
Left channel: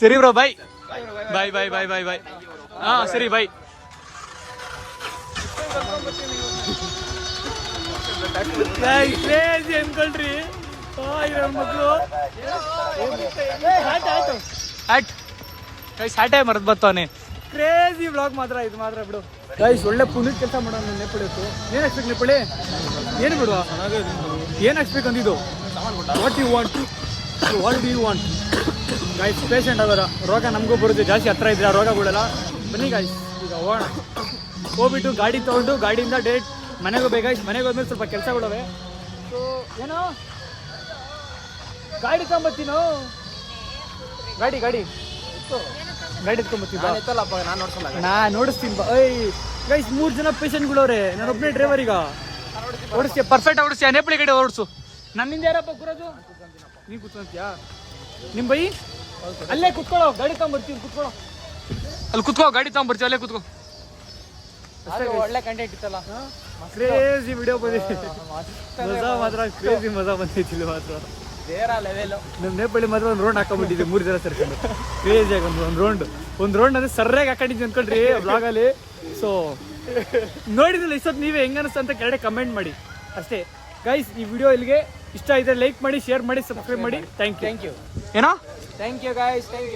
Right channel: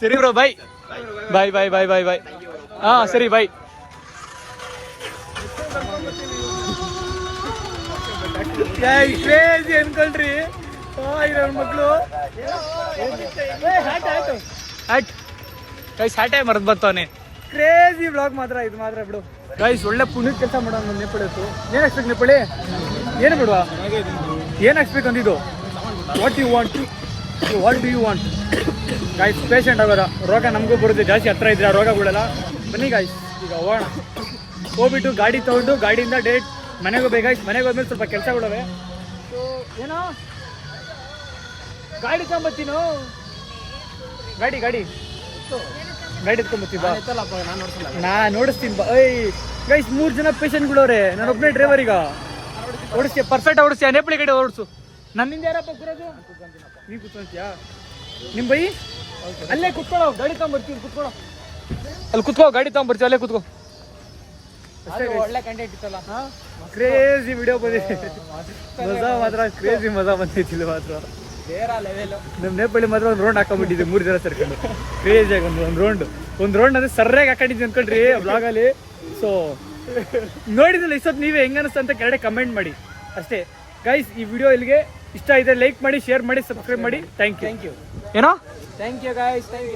ಸರಿ ಬ್ರೋ ಬಾಯ್ ಬಾಯ್ ಬಾಯ್ ಬಾಯ್ ಬಾಯ್ ಬಾಯ್. ಹಾ ಸರಿ ಬಾಯ್. ಕ್ರೇಜಿ ಅನ್ಕೊಳ್ರಿ ಇರೋ ಮಕ್ಕಳು. ಹ್ಯಾಟೇ ಮರದ್ ಬರ್ತಾವನೆ. ಕ್ರೇಜಿ ವ್ಲಾಗ್ ಮಾತ್ರ ಇದು ಮಾತ್ರ ಬಿಡು ಗೈಸ್. ಒಳ್ಳೆ ಪುಣ್ಯದ ಕೆಲಸ ಮಾಡೋಣ ನಮ್ಮ ನೇಪಾಳಿ ಹೊತ್ತು. ಏನ್ ಹಾಕ್ಬೇಕು ನೇಪಾಳಿ? ಏನು ಬಿಡುವ ಏನ್ ಹಾಕ್ಸ್ಬೇಕು ಅಂದಿದ್ದು? What you want guys? Patient ಆಗೋದ ರೋಗ ನಮಗೂ ಬರುತ್ತೆ. ಜಾಸ್ತಿ ಹತ್ರ ಇದ್ರೆ ಆ ರೋಗ ಬಿಡಲ್ಲ. ಬನ್ನಿ ಗೈಸ್ ಈಗ ಹೋಗೋಣ. ಹೋಗ್ಬಿಟ್ಟು ಗಾಡಿ ತಗೊಂಡು ಗಾಡಿಯಿಂದ ಡೈರೆಕ್ಟ್ ಮನೆಗೆ ಹೋಗ್ಬೇಕು ಗೈಸ್. ಮನೆಗೆ ಹೋದ್ಮೇಲೆ ಸ್ವಲ್ಪ ಕೆಲಸಗಳಿವೆ. ಸೊ ಏನೋ ಗಾಡಿ ತಗೊಂಬತ್ತೀನೋ. ಗಾಡಿ ಎತ್ಕೊಂಬತ್ತೀವಿ ಬಾ. ನಾ ನೋಡಿಸ್ತೀನಿ ಬಾ. ಗೈಸ್ 3 ಜನ ಪೇಷಂಟ್ಗಳವ್ರೆ, ನಾನು ಒಬ್ಬನೇ ಡ್ರೈವರ್. ಈಗ ಓಡಿಸ್ತೀಯ ಪರ್ಫೆಕ್ಟ್ ಓಡಿಸ್ತೀಯ? ನೇಪಾಳಿ ಗಾಡಿ ಓಡಿಸು. ನನ್ನಿಂದ ಯಾರಪ್ಪ ಕೂರೋದು? ನೀ ಕೂತ್ಕೊಂತೀಯಾ? ನಿಮ್ ಬೈ ಅಲ್ಲೇ ಕುತ್ಕೊಳ್ಳೋ. ಗಾಡಿ ತಗೊಂಬರ್ತೀವಿ ಕುತ್ಕೊಳ್ಳೋ. ಅಲ್ಲಿ ಕುತ್ಕೋ. ಗಾಡಿ ತಗೊಂಬರ್ತೀವಿ ಅಲ್ಲೇ ಕುತ್ಕೋ. ಒಳ್ಳೆ ಕಂಟೆಂಟ್ ಇತ್ತಲ್ಲ. ಕ್ರೇಜಿ ವಿಡಿಯೋ ಬಂದಿದೆ. ಮಜಾ ಕ್ರೇಜಿ ಮಜಾ ಬಂದೈತಿ ಇಲ್ಲಿ ಮಾತ್ರ. ನಮ್ಮ ನೇಪಾಳಿ ಮಾತ್ರ ಒಂದು ರೌಂಡ್ ಹಾಕೊಂಡ್ಬಿಟ್ಟಿದ್ದೆ 3 ಜನ ಸೇರ್ಕೊಂಡು. ಕ್ರೇಜಿ ಆಗಿ ಒಂದು ರೌಂಡ್ ಅಂದ್ರೆ ಸರ್ಯಾಗಿ ಹಾಕೊಂಡಿದ್ವಿ ಅನ್ಕೊಂಡ್ರಿ ಬ್ಲಾಗಲ್ಲಿ. ಸೊ ನೋಡಿದ್ರಲ್ಲ ಇಷ್ಟೊತ್ತು ನೀವೇ ಹೆಂಗ ಅನಿಸ್ತು ಅಂತ ಕೆಳಗಡೆ ಕಮೆಂಟ್ ಮಾಡಿ ಅಷ್ಟೇ ಗೈಸ್. ಈ ವಿಡಿಯೋ ಇಲ್ಲಿಗೆ ಇಷ್ಟ ಇದೆ ಲೈಕ್ ಮಾಡಿ, ಶೇರ್ ಮಾಡಿ, ಸಬ್ಸ್ಕ್ರೈಬ್ ಮಾಡಿ. Thank you. ಏನೋ thank you guys. Thank you.